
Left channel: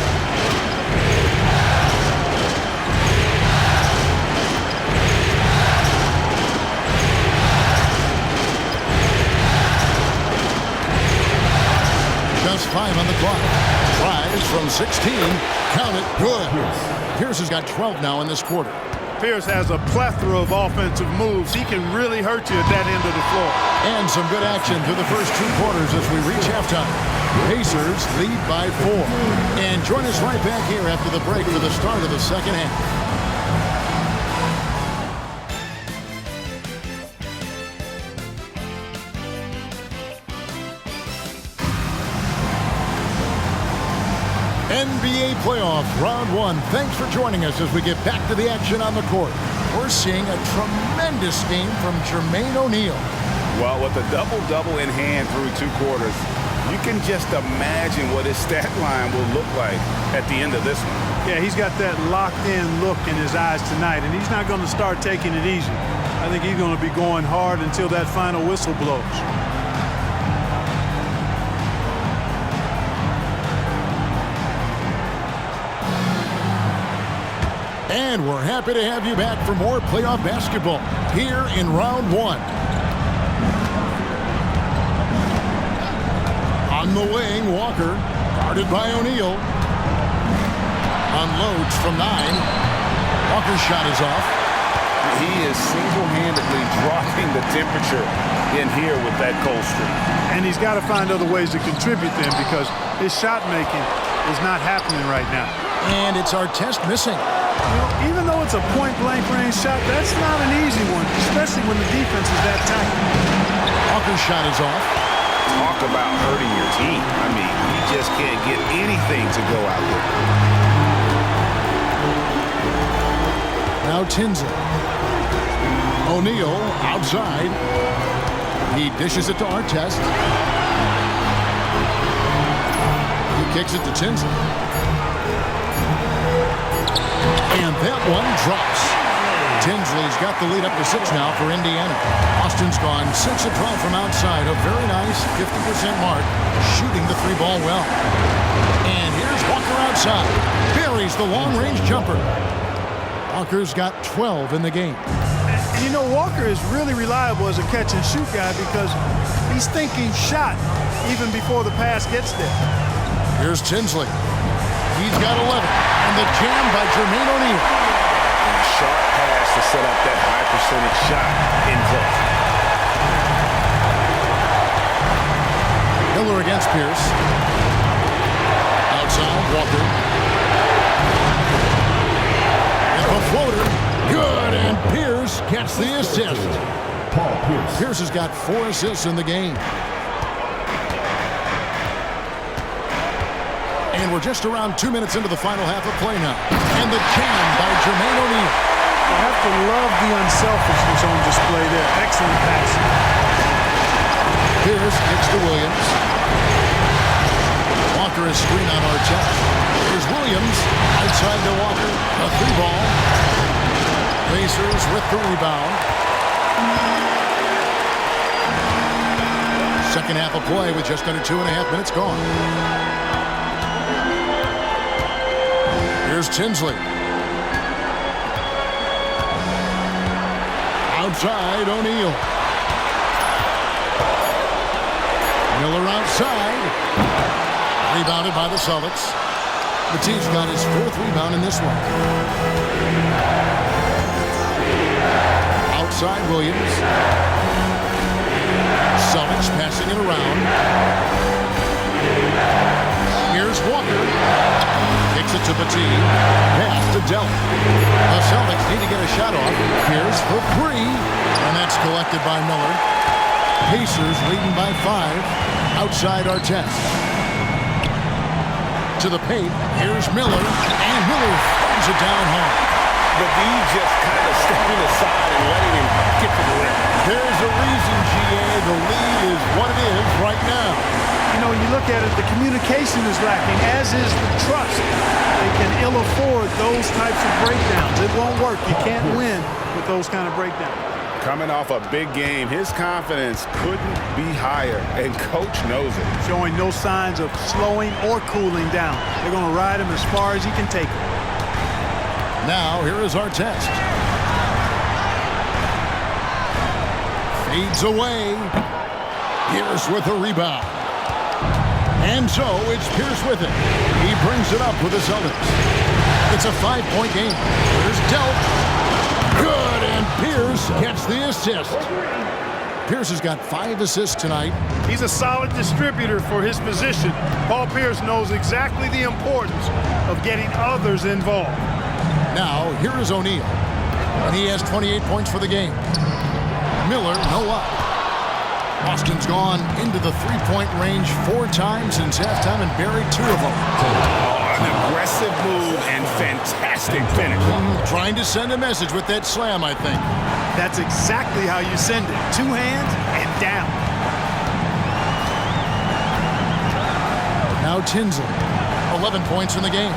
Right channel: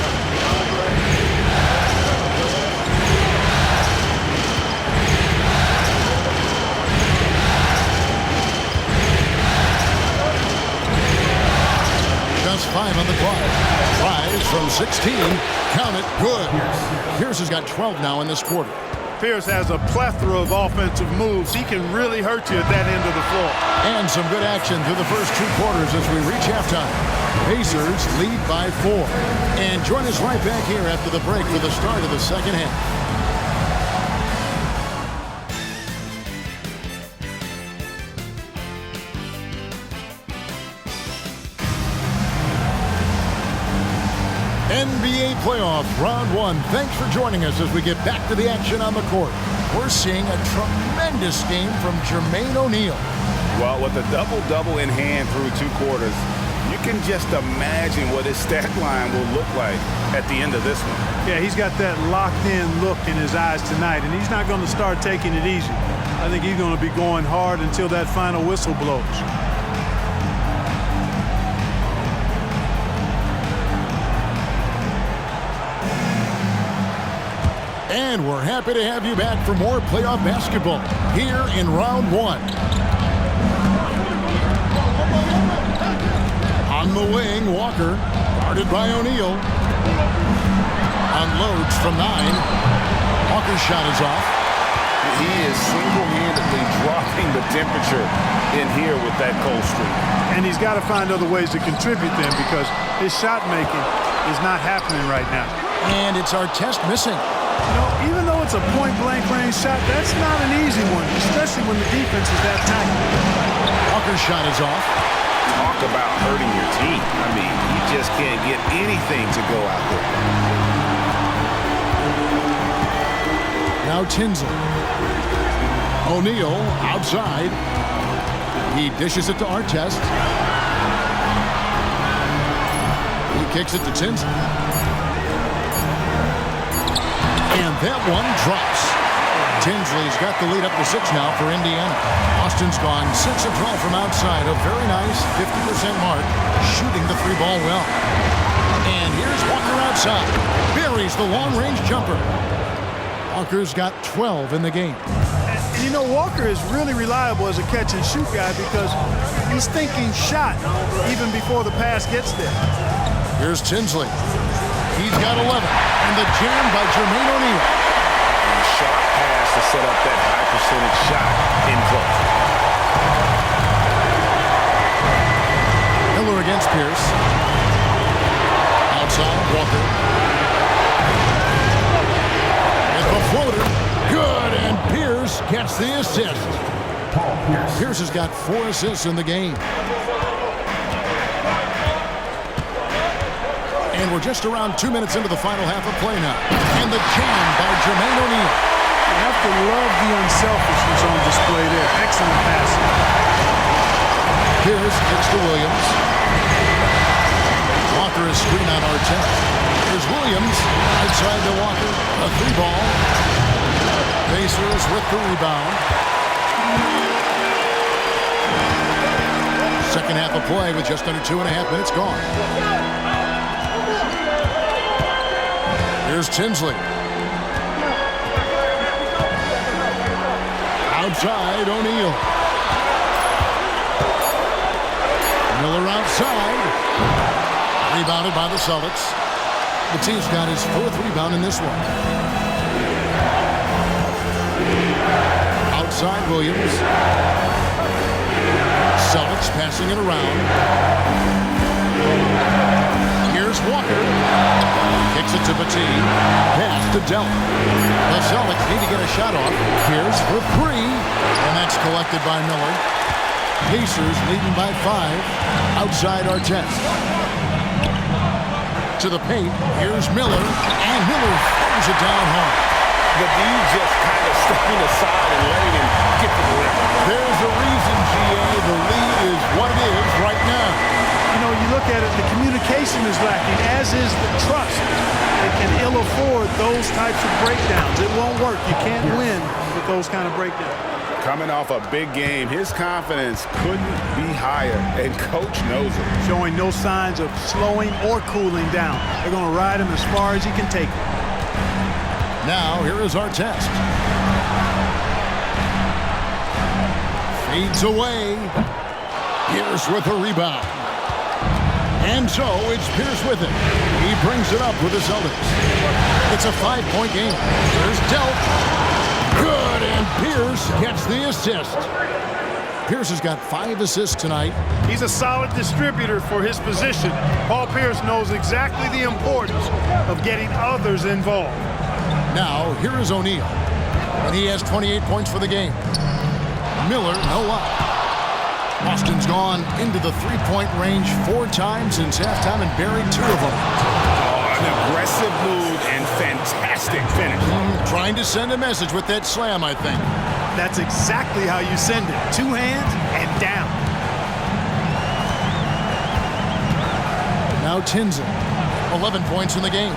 Just 5 on the clock. Tries from 16. Count it. Good. Pierce has got 12 now in this quarter. Pierce has a plethora of offensive moves. He can really hurt you at that end of the floor. And some good action through the first 2 quarters as we reach halftime. Pacers lead by 4. And join us right back here after the break for the start of the second half. NBA playoffs, round 1. Thanks for joining us as we get back to the action on the court. We're seeing a tremendous game from Jermaine O'Neal. Well, with a double-double in hand through 2 quarters, you can just imagine what his stat line will look like at the end of this one. Yeah, he's got that locked-in look in his eyes tonight, and he's not going to start taking it easy. I think he's going to be going hard until that final whistle blows. And we're happy to have you back for more playoff basketball here in round 1. On the wing, Walker, guarded by O'Neal. Unloads from 9. Walker's shot is off. He is single-handedly dropping the temperature in here with that cold streak. And he's got to find other ways to contribute then, because his shot making is not happening right now. And it's Artest missing. You know, even though it's a point-blank range shot, that's not an easy one, especially when the defense is that tight. Walker's shot is off. Talk about hurting your team. I mean, he just can't get anything to go out there. Now Tinsley. O'Neal outside. He dishes it to Artest. He kicks it to Tinsley. And that one drops. Tinsley's got the lead up to 6 now for Indiana. Austin's gone 6 of 12 from outside. A very nice 50% mark, shooting the 3 ball well. And here's Walker outside. Buries the long-range jumper. Walker's got 12 in the game. And you know, Walker is really reliable as a catch-and-shoot guy because he's thinking shot even before the pass gets there. Here's Tinsley. He's got 11. And the jam by Jermaine O'Neal. And a sharp pass to set up that high percentage shot in close. Miller against Pierce. Outside, Walker. It's a floater. Good, and Pierce gets the assist. Paul Pierce. Pierce has got 4 assists in the game. And we're just around 2 minutes into the final half of play now. And the jam by Jermaine O'Neal. You have to love the unselfishness on display there. Excellent passing. Pierce kicks to Williams. Walker is screen on Artest. Here's Williams. Outside to Walker. A 3 ball. Pacers with the rebound. Second half of play with just under 2.5 minutes gone. Here's Tinsley. Outside, O'Neal. Miller outside. Rebounded by the Celtics. Matisse got his 4th rebound in this one. Outside, Williams. Celtics passing it around. Here's Walker. Kicks it to Batie. Pass to Delk. The Celtics need to get a shot off. Pierce for 3. And that's collected by Miller. Pacers leading by 5. Outside Artest. To the paint. Here's Miller. And Miller throws it down hard. The D just kind of stepping aside and letting him get to the rim. There's a reason, GA. The lead is what it is right now. You know, you look at it, the communication is lacking, as is the trust. They can ill afford those types of breakdowns. It won't work. You can't win with those kind of breakdowns. Coming off a big game, his confidence couldn't be higher, and coach knows it. Showing no signs of slowing or cooling down. They're going to ride him as far as he can take him. Now, here is Artest. Fades away. Pierce with a rebound. And so it's Pierce with it. He brings it up with the Celtics. It's a 5-point game. Here's Delk. Pierce gets the assist. Pierce has got 5 assists tonight. He's a solid distributor for his position. Paul Pierce knows exactly the importance of getting others involved. Now, here is O'Neal, and he has 28 points for the game. Miller, no up. Boston's gone into the three-point range 4 times since halftime and buried 2 of them. Oh, an aggressive move and fantastic finish. Trying to send a message with that slam, I think. That's exactly how you send it. 2 hands and down. Now Tinsley, 11 points in the game.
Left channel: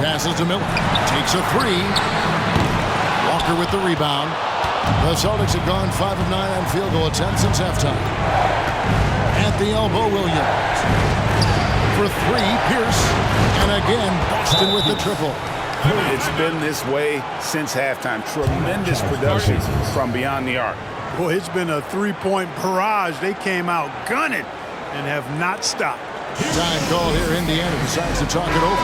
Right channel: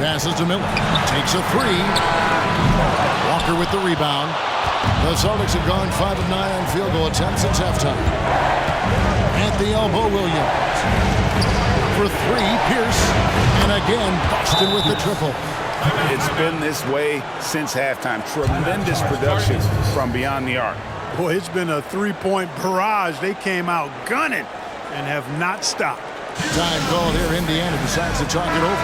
Passes to Miller. Takes a 3. Walker with the rebound. The Celtics have gone 5 of 9 on field goal attempts since halftime. At the elbow, Williams. For 3, Pierce. And again, Boston with the triple. It's been this way since halftime. Tremendous production from beyond the arc. Boy, it's been a 3-point barrage. They came out gunning and have not stopped. Time call here. Indiana decides to talk it over.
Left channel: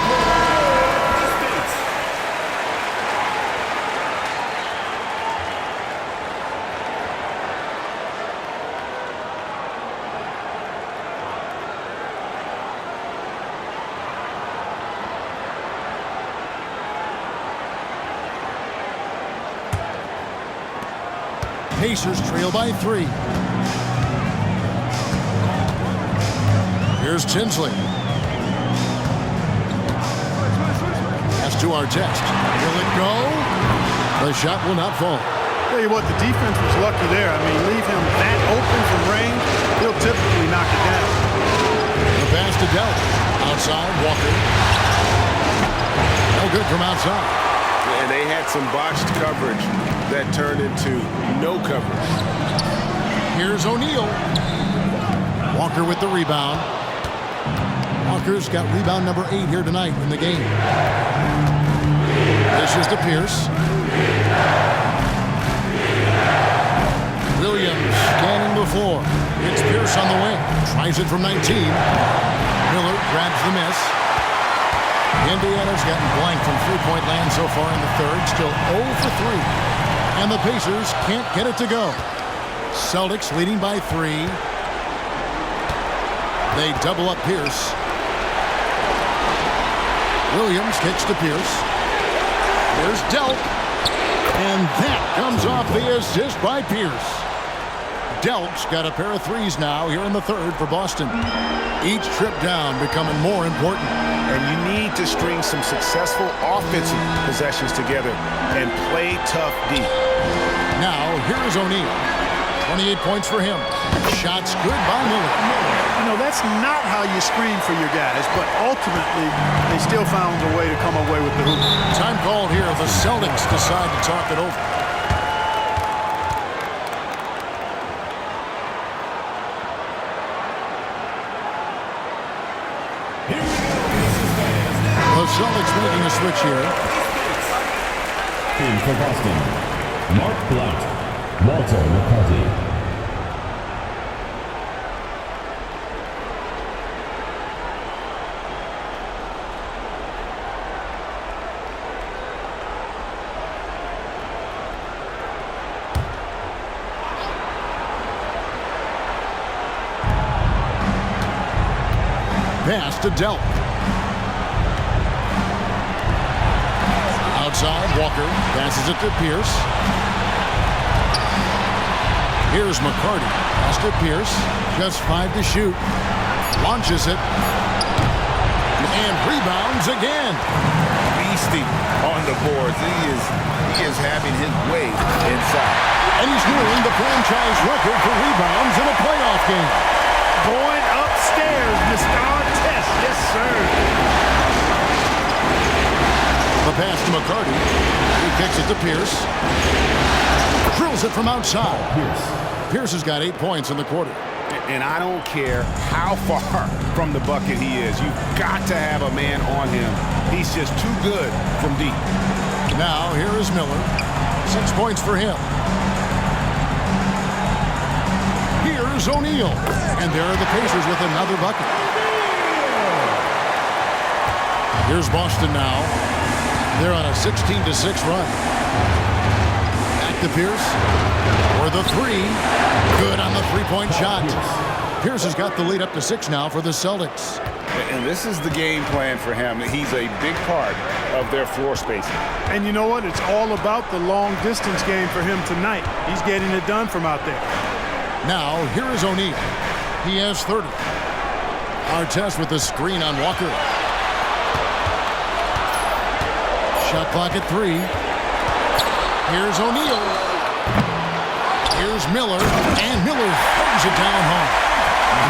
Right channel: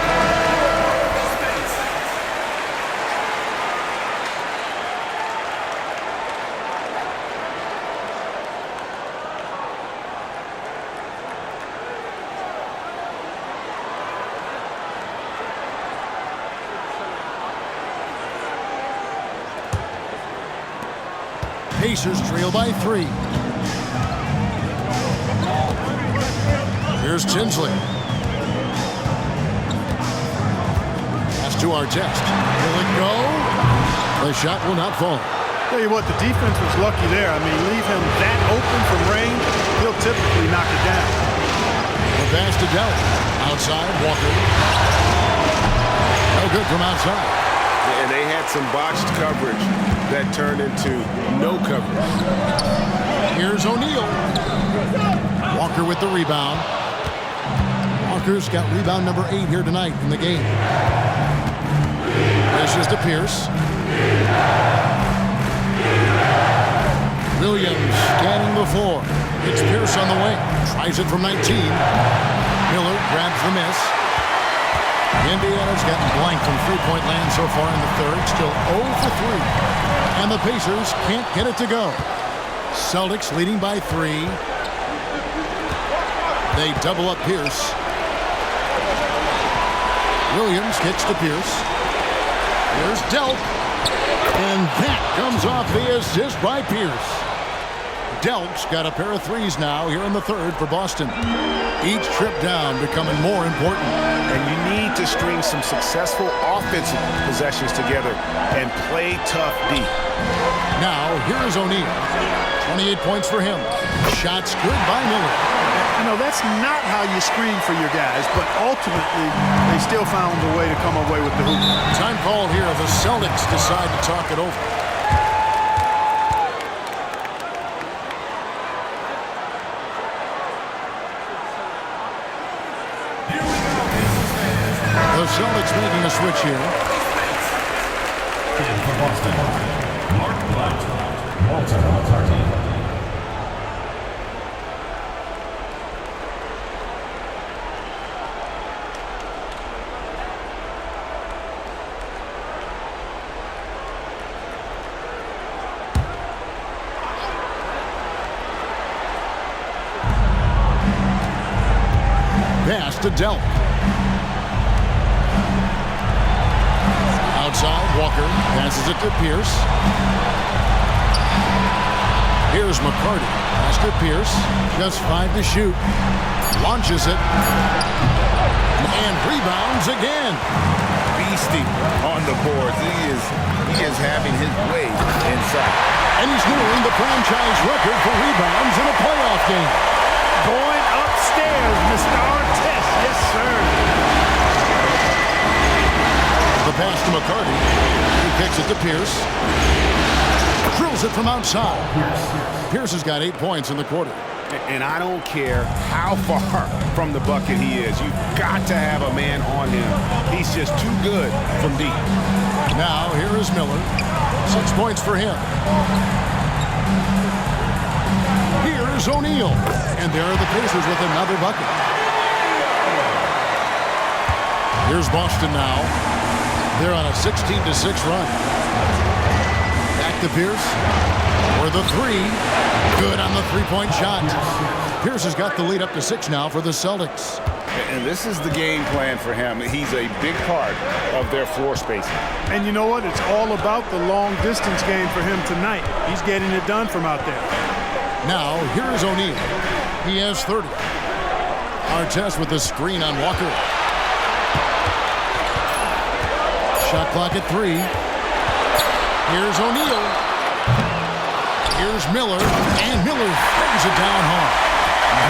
Pacers trail by 3. Here's Tinsley. Pass to Artest. Will it go? The shot will not fall. Tell you what, the defense was lucky there. I mean, leave him that open from range, he'll typically knock it down. The pass to Dell. Outside, Walker. No good from outside. And they had some botched coverage that turned into no coverage. Here's O'Neal. Walker with the rebound. Walker's got rebound number 8 here tonight in the game. Dishes to Pierce. Williams scanning the floor. It's Pierce on the wing. Tries it from 19. Miller grabs the miss. Indiana's gotten blank from three-point land so far in the third. Still 0 for 3. And the Pacers can't get it to go. Celtics leading by 3. They double up Pierce. Williams kicks to Pierce. Here's Delk. And that comes off the assist by Pierce. Delk's got a pair of 3s now here in the third for Boston. Each trip down becoming more important. And you need to string some successful offensive possessions together and play tough D. Now, here is O'Neal. 28 points for him. Shots good by Miller. You know, that's not how you screen for your guys, but ultimately, they still found a way to come away with the hoop. Time called here. The Celtics decide to talk it over. The Celtics making a switch here. In for Boston, Mark Blatt, Walter McCarty. Pass to Delk. Outside, Walker passes it to Pierce. Here's McCarty. Pass to Pierce. Just 5 to shoot. Launches it. And rebounds again. Beastie on the boards. He is having his way inside. And he's nearing the franchise record for rebounds in a playoff game. Going upstairs, Mr. Artest. Yes, sir. The pass to McCarty. He kicks it to Pierce. Drills it from outside. Pierce has got 8 points in the quarter. And I don't care how far from the bucket he is. You've got to have a man on him. He's just too good from deep. Now, here is Miller. 6 points for him. Here's O'Neal. And there are the Pacers with another bucket. Here's Boston now. They're on a 16-6 run. Back to Pierce. For the three. Good on the three-point shot. Pierce has got the lead up to 6 now for the Celtics. And this is the game plan for him. He's a big part of their floor spacing. And you know what? It's all about the long-distance game for him tonight. He's getting it done from out there. Now, here is O'Neal. He has 30. Artest with the screen on Walker. Shot clock at 3. Here's O'Neal. Here's Miller, and Miller throws it down hard.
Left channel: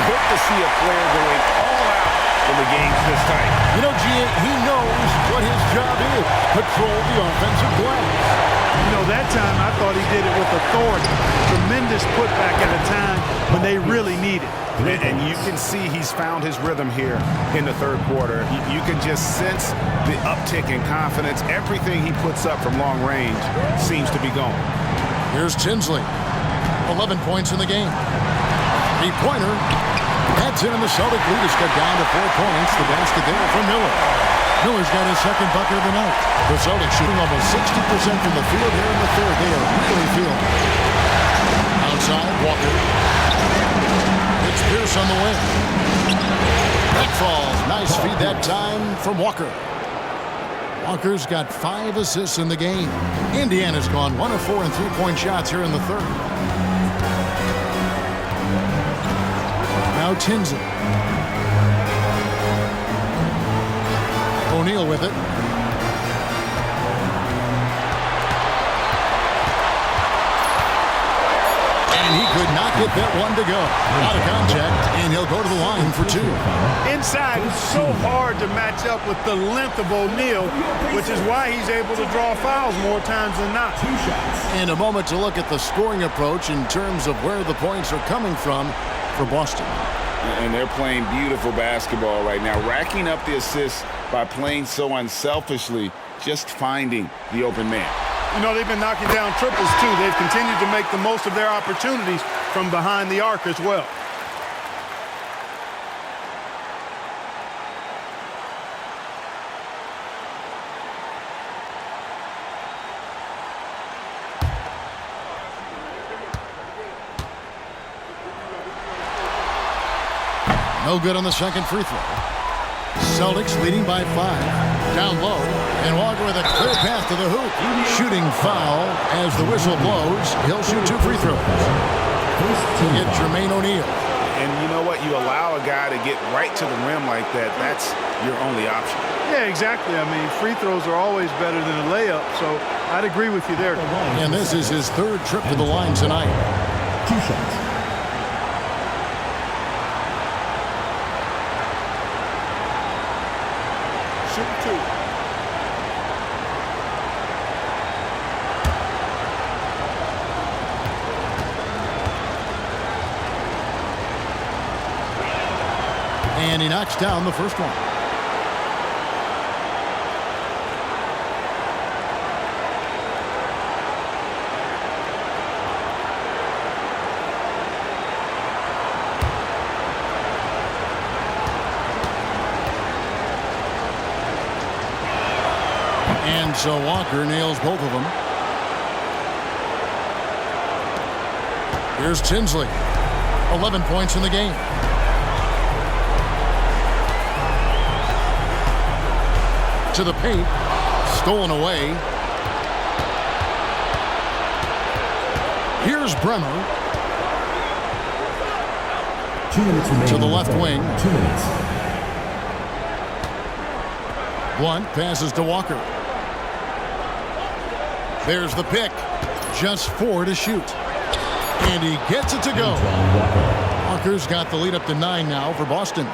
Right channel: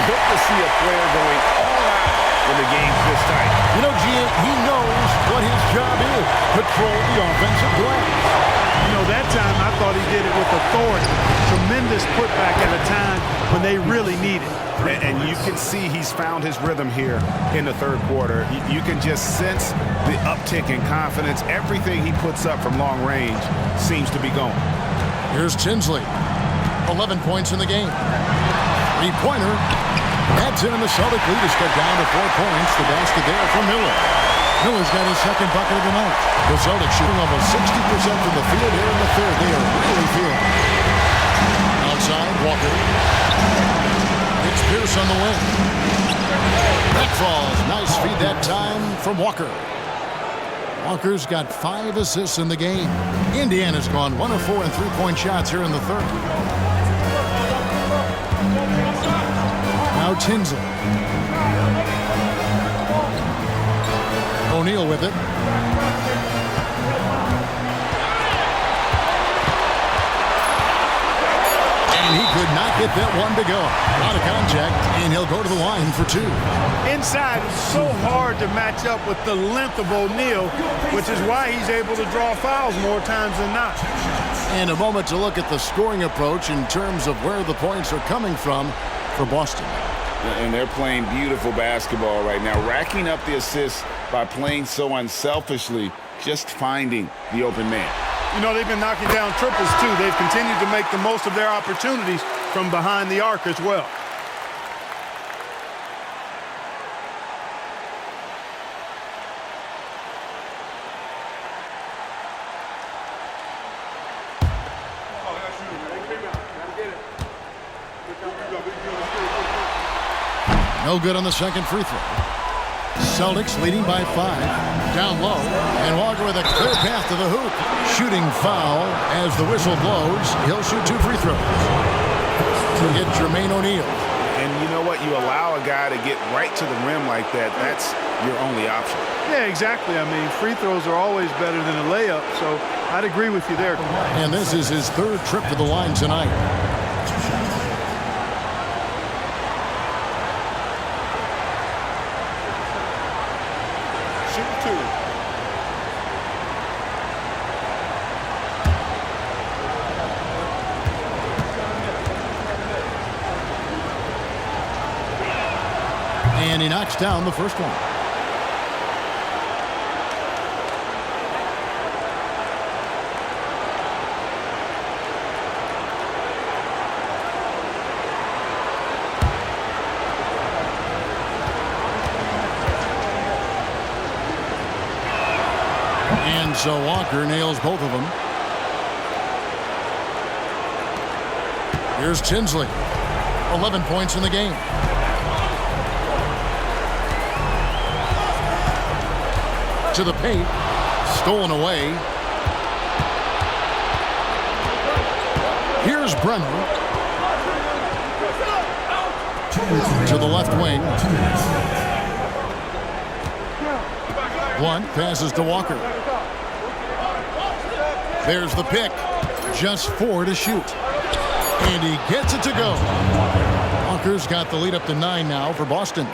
Good to see a player going all out when the game's this tight. You know, G.A., he knows what his job is. Control the offensive glass. You know, that time I thought he did it with authority. Tremendous putback at a time when they really need it. And you can see he's found his rhythm here in the third quarter. You can just sense the uptick in confidence. Everything he puts up from long range seems to be going. Here's Tinsley. 11 points in the game. Three-pointer. That's in, and the Celtic lead is cut down to 4 points. The basket there from Miller. Miller's got his second bucket of the night. The Celtics shooting almost 60% from the field here in the third. They are really feeling it. Outside, Walker. It's Pierce on the wing. That falls. Nice feed that time from Walker. Walker's got 5 assists in the game. Indiana's gone 1 of 4 in three-point shots here in the third. Now Tinsley. O'Neal with it. And he could not get that one to go. A lot of contact, and he'll go to the line for 2. Inside, it's so hard to match up with the length of O'Neal, which is why he's able to draw fouls more times than not. And a moment to look at the scoring approach in terms of where the points are coming from for Boston. And they're playing beautiful basketball right now, racking up the assists by playing so unselfishly, just finding the open man. You know, they've been knocking down triples, too. They've continued to make the most of their opportunities from behind the arc as well. No good on the second free throw. Celtics leading by 5. Down low, and Walker with a clear path to the hoop. Shooting foul as the whistle blows. He'll shoot 2 free throws to get Jermaine O'Neal. And you know what? You allow a guy to get right to the rim like that. That's your only option. Yeah, exactly. I mean, free throws are always better than a layup, so I'd agree with you there. And this is his 3rd trip to the line tonight. 2 shots. Shooting 2. And he knocks down the first one. And so Walker nails both of them. Here's Tinsley. 11 points in the game. To the paint. Stolen away. Here's Bremer. 2 minutes remaining. To the left wing. 2 minutes. Blunt passes to Walker. There's the pick. Just 4 to shoot. And he gets it to go. Walker's got the lead up to 9 now for Boston.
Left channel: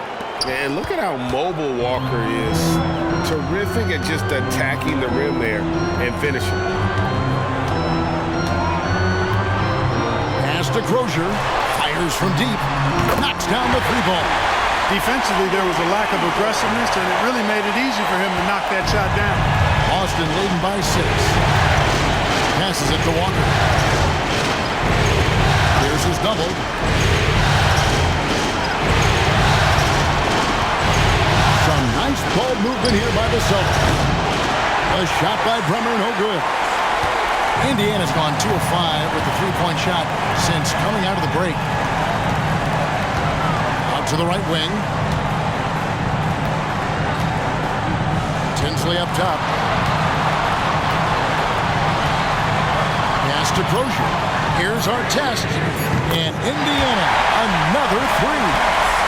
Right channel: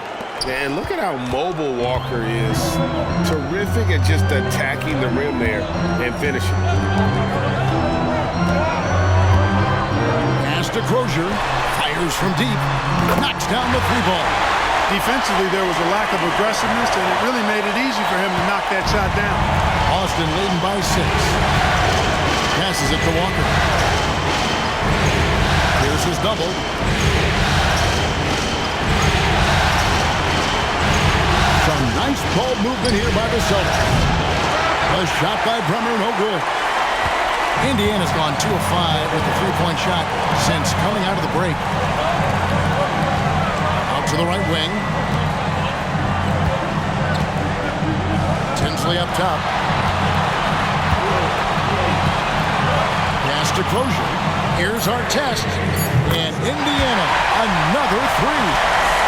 And look at how mobile Walker is. Terrific at just attacking the rim there and finishing. Pass to Crozier. Fires from deep. Knocks down the 3-ball. Defensively, there was a lack of aggressiveness, and it really made it easy for him to knock that shot down. Boston leading by 6. Passes it to Walker. Pierce is doubled. Some nice ball movement here by the Celtics. A shot by Bremer, no good. Indiana's gone 2 of 5 with the three-point shot since coming out of the break. Out to the right wing. Tinsley up top. Pass to Crozier. Here's Artest. And Indiana, another three.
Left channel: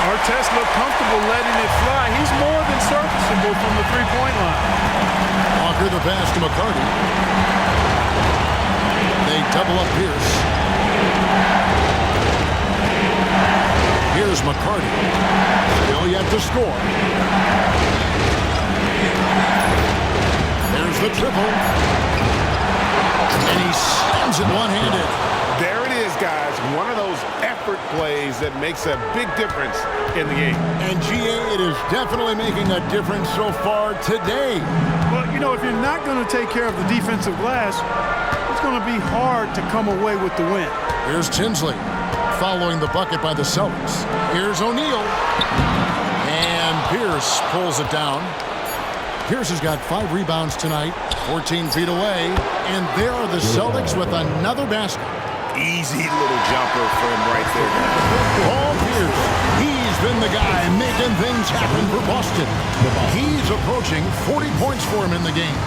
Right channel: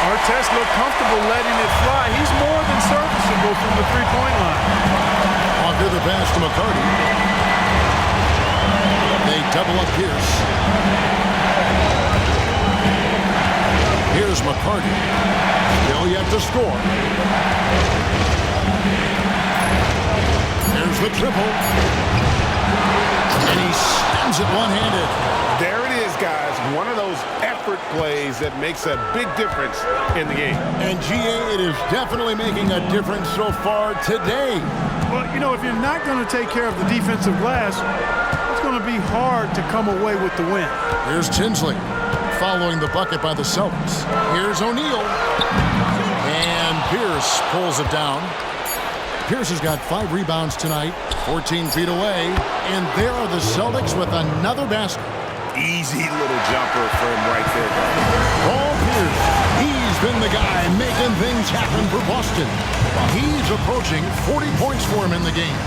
Artest looked comfortable letting it fly. He's more than serviceable from the three-point line. Walker the pass to McCarty. They double up Pierce. Here's McCarty. Still yet to score. There's the triple. And he slams it one-handed. There it is, guys. One of those effort plays that makes a big difference in the game. And GA, it is definitely making a difference so far today. Well, you know, if you're not going to take care of the defensive glass, it's going to be hard to come away with the win. Here's Tinsley following the bucket by the Celtics. Here's O'Neal. And Pierce pulls it down. Pierce has got 5 rebounds tonight, 14 feet away. And there are the Celtics with another basket. Easy little jumper for him right there, guys. Paul Pierce, he's been the guy making things happen for Boston. He's approaching 40 points for him in the game.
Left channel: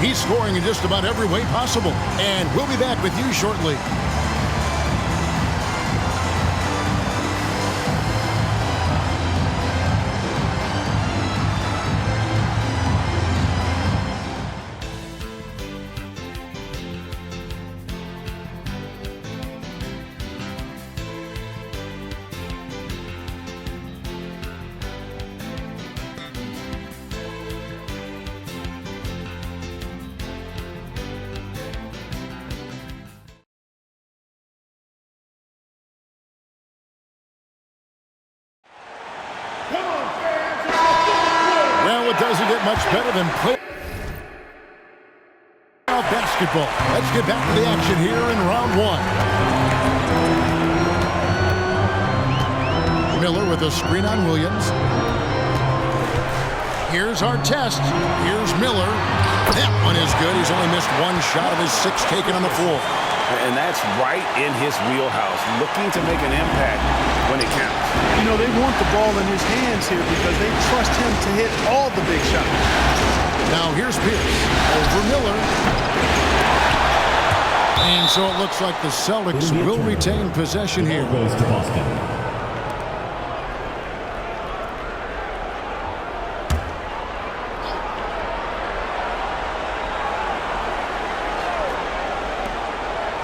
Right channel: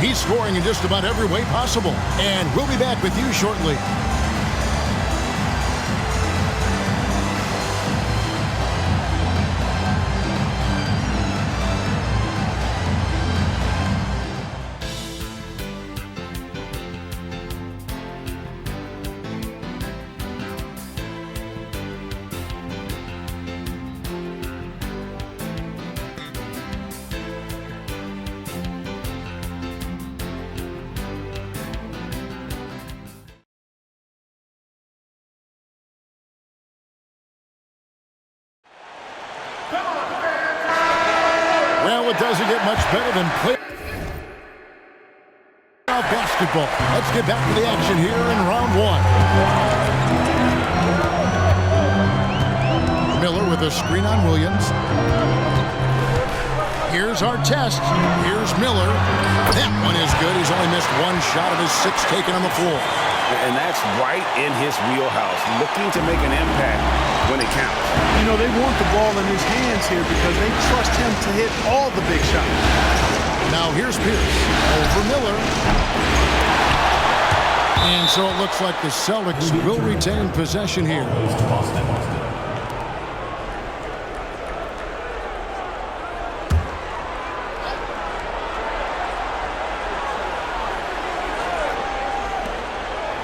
He's scoring in just about every way possible. And we'll be back with you shortly. Well, it doesn't get much better than playoff basketball. Let's get back to the action here in round 1. Miller with a screen on Williams. Here's Artest. Here's Miller. That one is good. He's only missed 1 shot of his 6 taken on the floor. And that's right in his wheelhouse, looking to make an impact when it counts. You know, they want the ball in his hands here because they trust him to hit all the big shots. Now here's Pierce over Miller. And so it looks like the Celtics will retain possession here. Goes to Boston.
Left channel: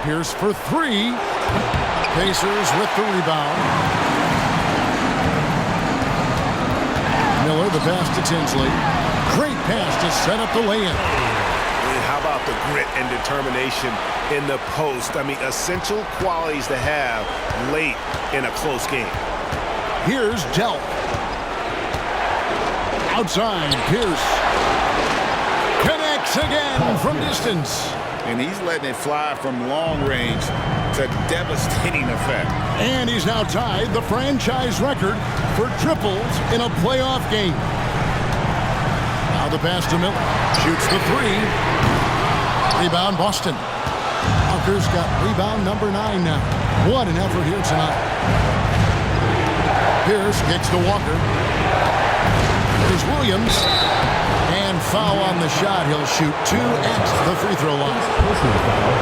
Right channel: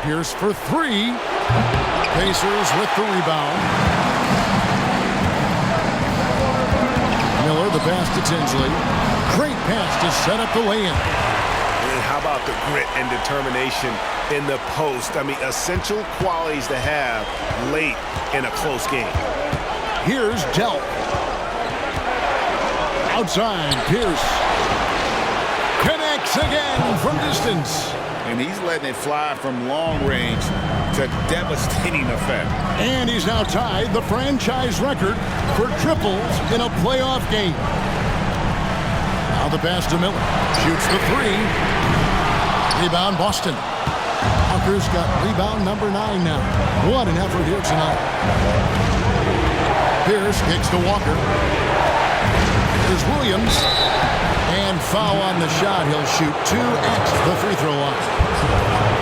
Pierce for 3. Pacers with the rebound. Miller the pass to Tinsley. Great pass to set up the lay-in. And how about the grit and determination in the post? I mean, essential qualities to have late in a close game. Here's Delp. Outside, Pierce. Connects again from distance. And he's letting it fly from long range to devastating effect. And he's now tied the franchise record for triples in a playoff game. Now the pass to Miller. Shoots the 3. Rebound Boston. Walker's got rebound number 9 now. What an effort here tonight. Pierce kicks to Walker. Here's Williams. And foul on the shot. He'll shoot 2 at the free throw line. Personal foul.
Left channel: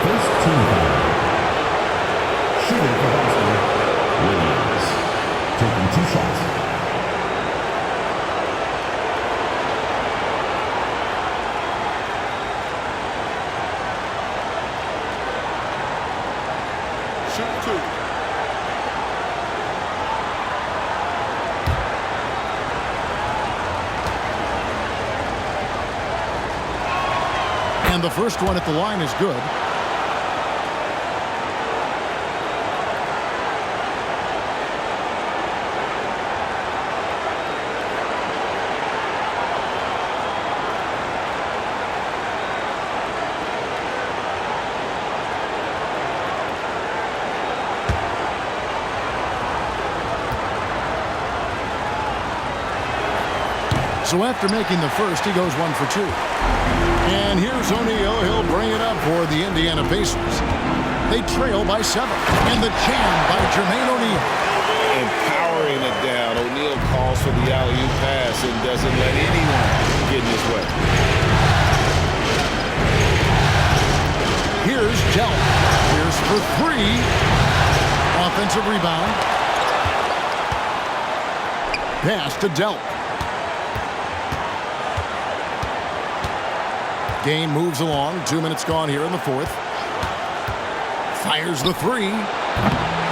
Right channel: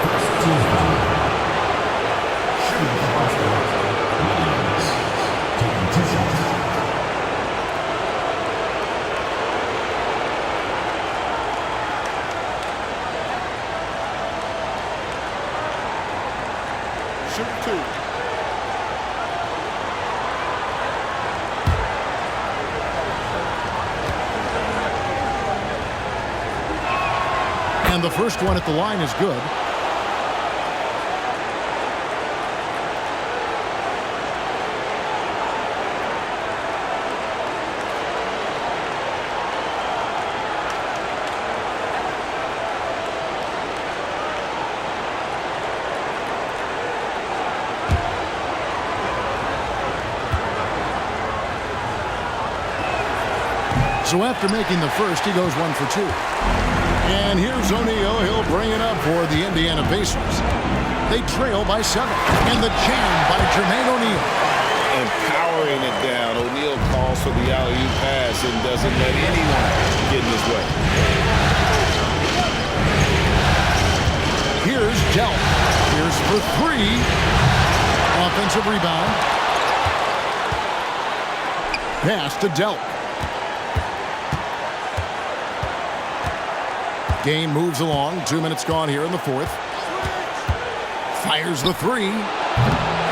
First team foul. Shooting for Boston. Williams. Taking 2 shots. Shooting 2. And the first one at the line is good. So after making the first, he goes 1 for 2. And here's O'Neal. He'll bring it up for the Indiana Pacers. They trail by 7. And the jam by Jermaine O'Neal. And powering it down. O'Neal calls for the alley-oop pass and doesn't let anyone get in his way. Here's Delk. Here's for 3. Offensive rebound. Pass to Delk. Game moves along. 2 minutes gone here in the fourth. Fires the 3.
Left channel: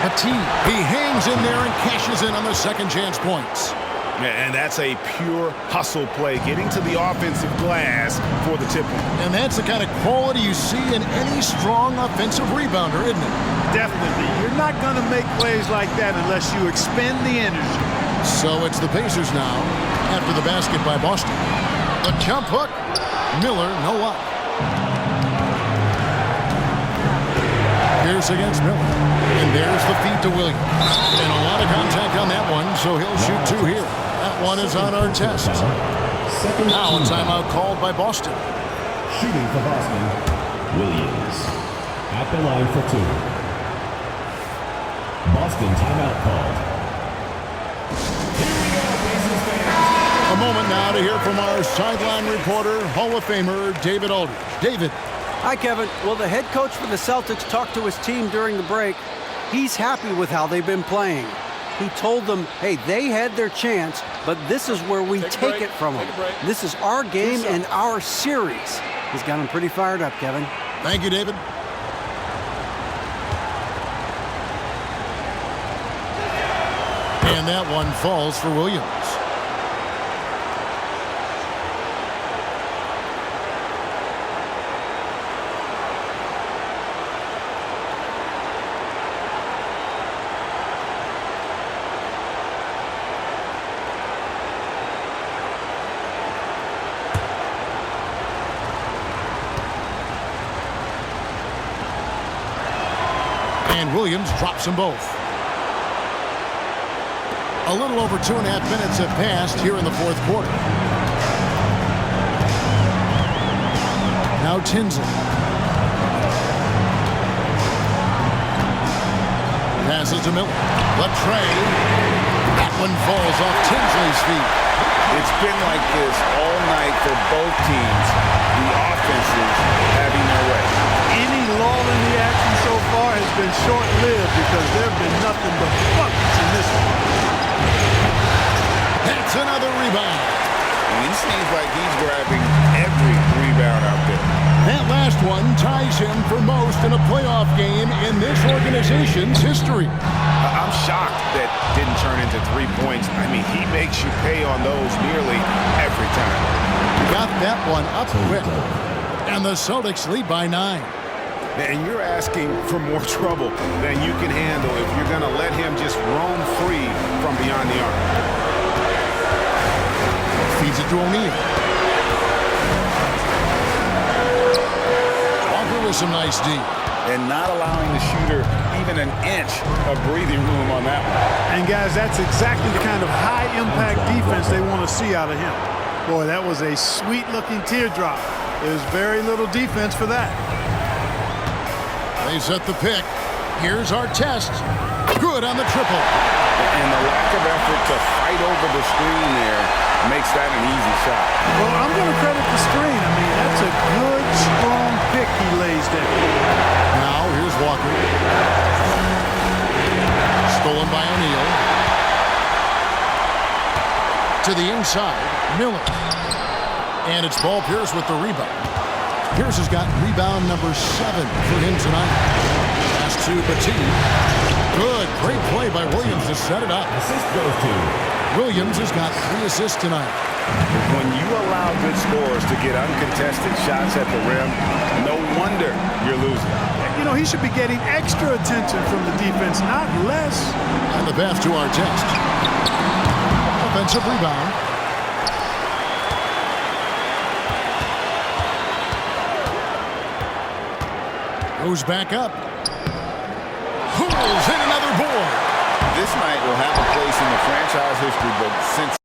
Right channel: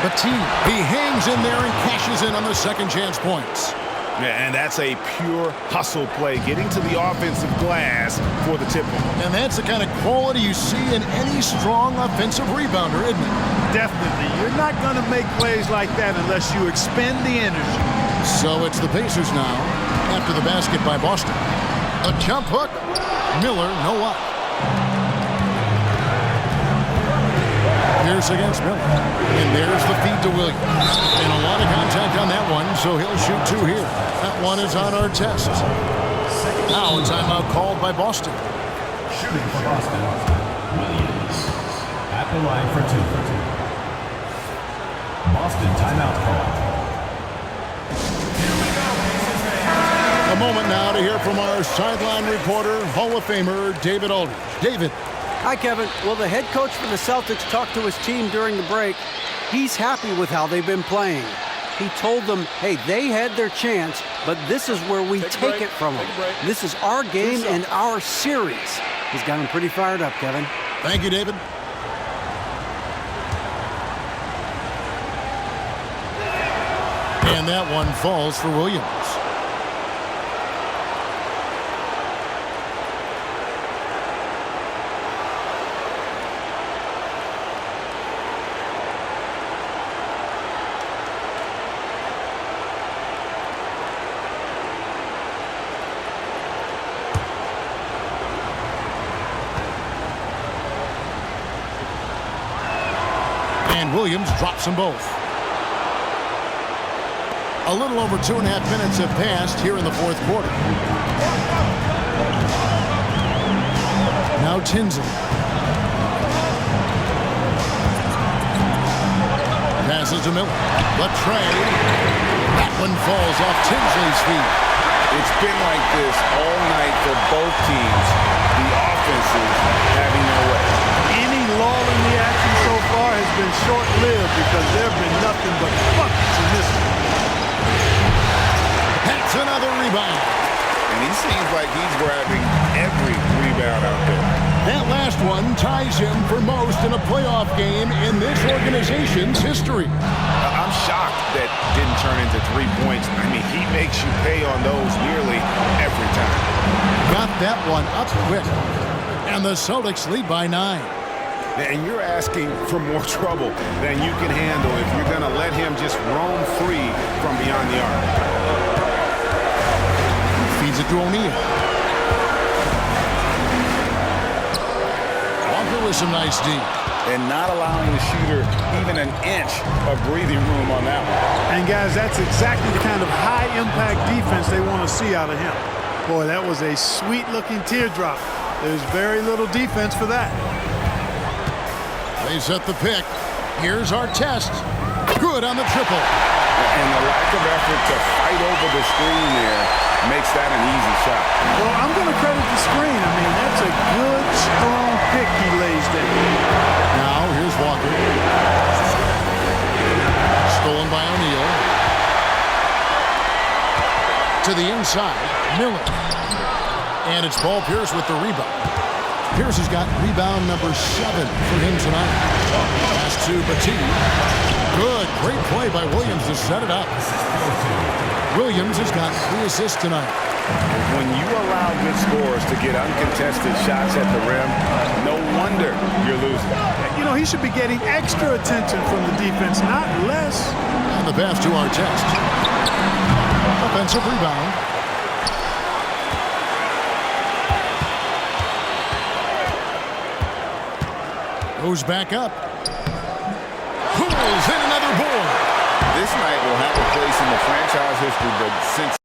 Petit. He hangs in there and cashes in on the second chance points. And that's a pure hustle play, getting to the offensive glass for the tip-in. And that's the kind of quality you see in any strong offensive rebounder, isn't it? Definitely. You're not going to make plays like that unless you expend the energy. So it's the Pacers now after the basket by Boston. A jump hook. Miller, no luck. Pierce against Miller. And there's the feed to Williams. And a lot of contact on that one, so he'll shoot 2 here. That one is on our test. Now a timeout called by Boston. Shooting for Boston, Williams. At the line for 2. Boston timeout called. Here we go, Pacers fans. A moment now to hear from our sideline reporter, Hall of Famer David Aldridge. David. Hi, Kevin. Well, the head coach for the Celtics talked to his team during the break. He's happy with how they've been playing. He told them, hey, they had their chance, but this is where we take it from them. This is our game and our series. He's got them pretty fired up, Kevin. Thank you, David. And that one falls for Williams. And Williams drops them both. A little over 2.5 minutes have passed here in the fourth quarter. Now Tinsley. Passes to Miller. Latrey. That one falls off Tinsley's feet. It's been like this all night for both teams. The offenses having their way. Any lull in the action so far has been short-lived because there have been nothing but buckets in this one. That's another rebound. And he seems like he's grabbing every rebound out there. That last one ties him for most in a playoff game in this organization's history. I'm shocked that didn't turn into 3 points. I mean, he makes you pay on those nearly every time. Got that one up quick. And the Celtics lead by 9. And you're asking for more trouble than you can handle if you're going to let him just roam free from beyond the arc. Feeds it to O'Neal. Walker with some nice D. And not allowing the shooter even an inch of breathing room on that one. And guys, that's exactly the kind of high-impact defense they want to see out of him. Boy, that was a sweet-looking teardrop. There's very little defense for that. They set the pick. Here's our test. Good on the triple. And the lack of effort to fight over the screen there makes that an easy shot. Well, I'm going to credit the screen. I mean, that's a good, strong pick he lays down. Now, here's Walker. Stolen by O'Neal. To the inside, Miller. And it's Paul Pierce with the rebound. Pierce has got rebound number 7 for him tonight. Pass to Petit. Good, great play by Williams to set it up. Assist goes to Williams has got 3 assists tonight. When you allow good scorers to get uncontested shots at the rim, no wonder you're losing. You know, he should be getting extra attention from the defense, not less. And the pass to our test. Offensive rebound. Goes back up. Pulls in another board. This night will have a place in the franchise history book since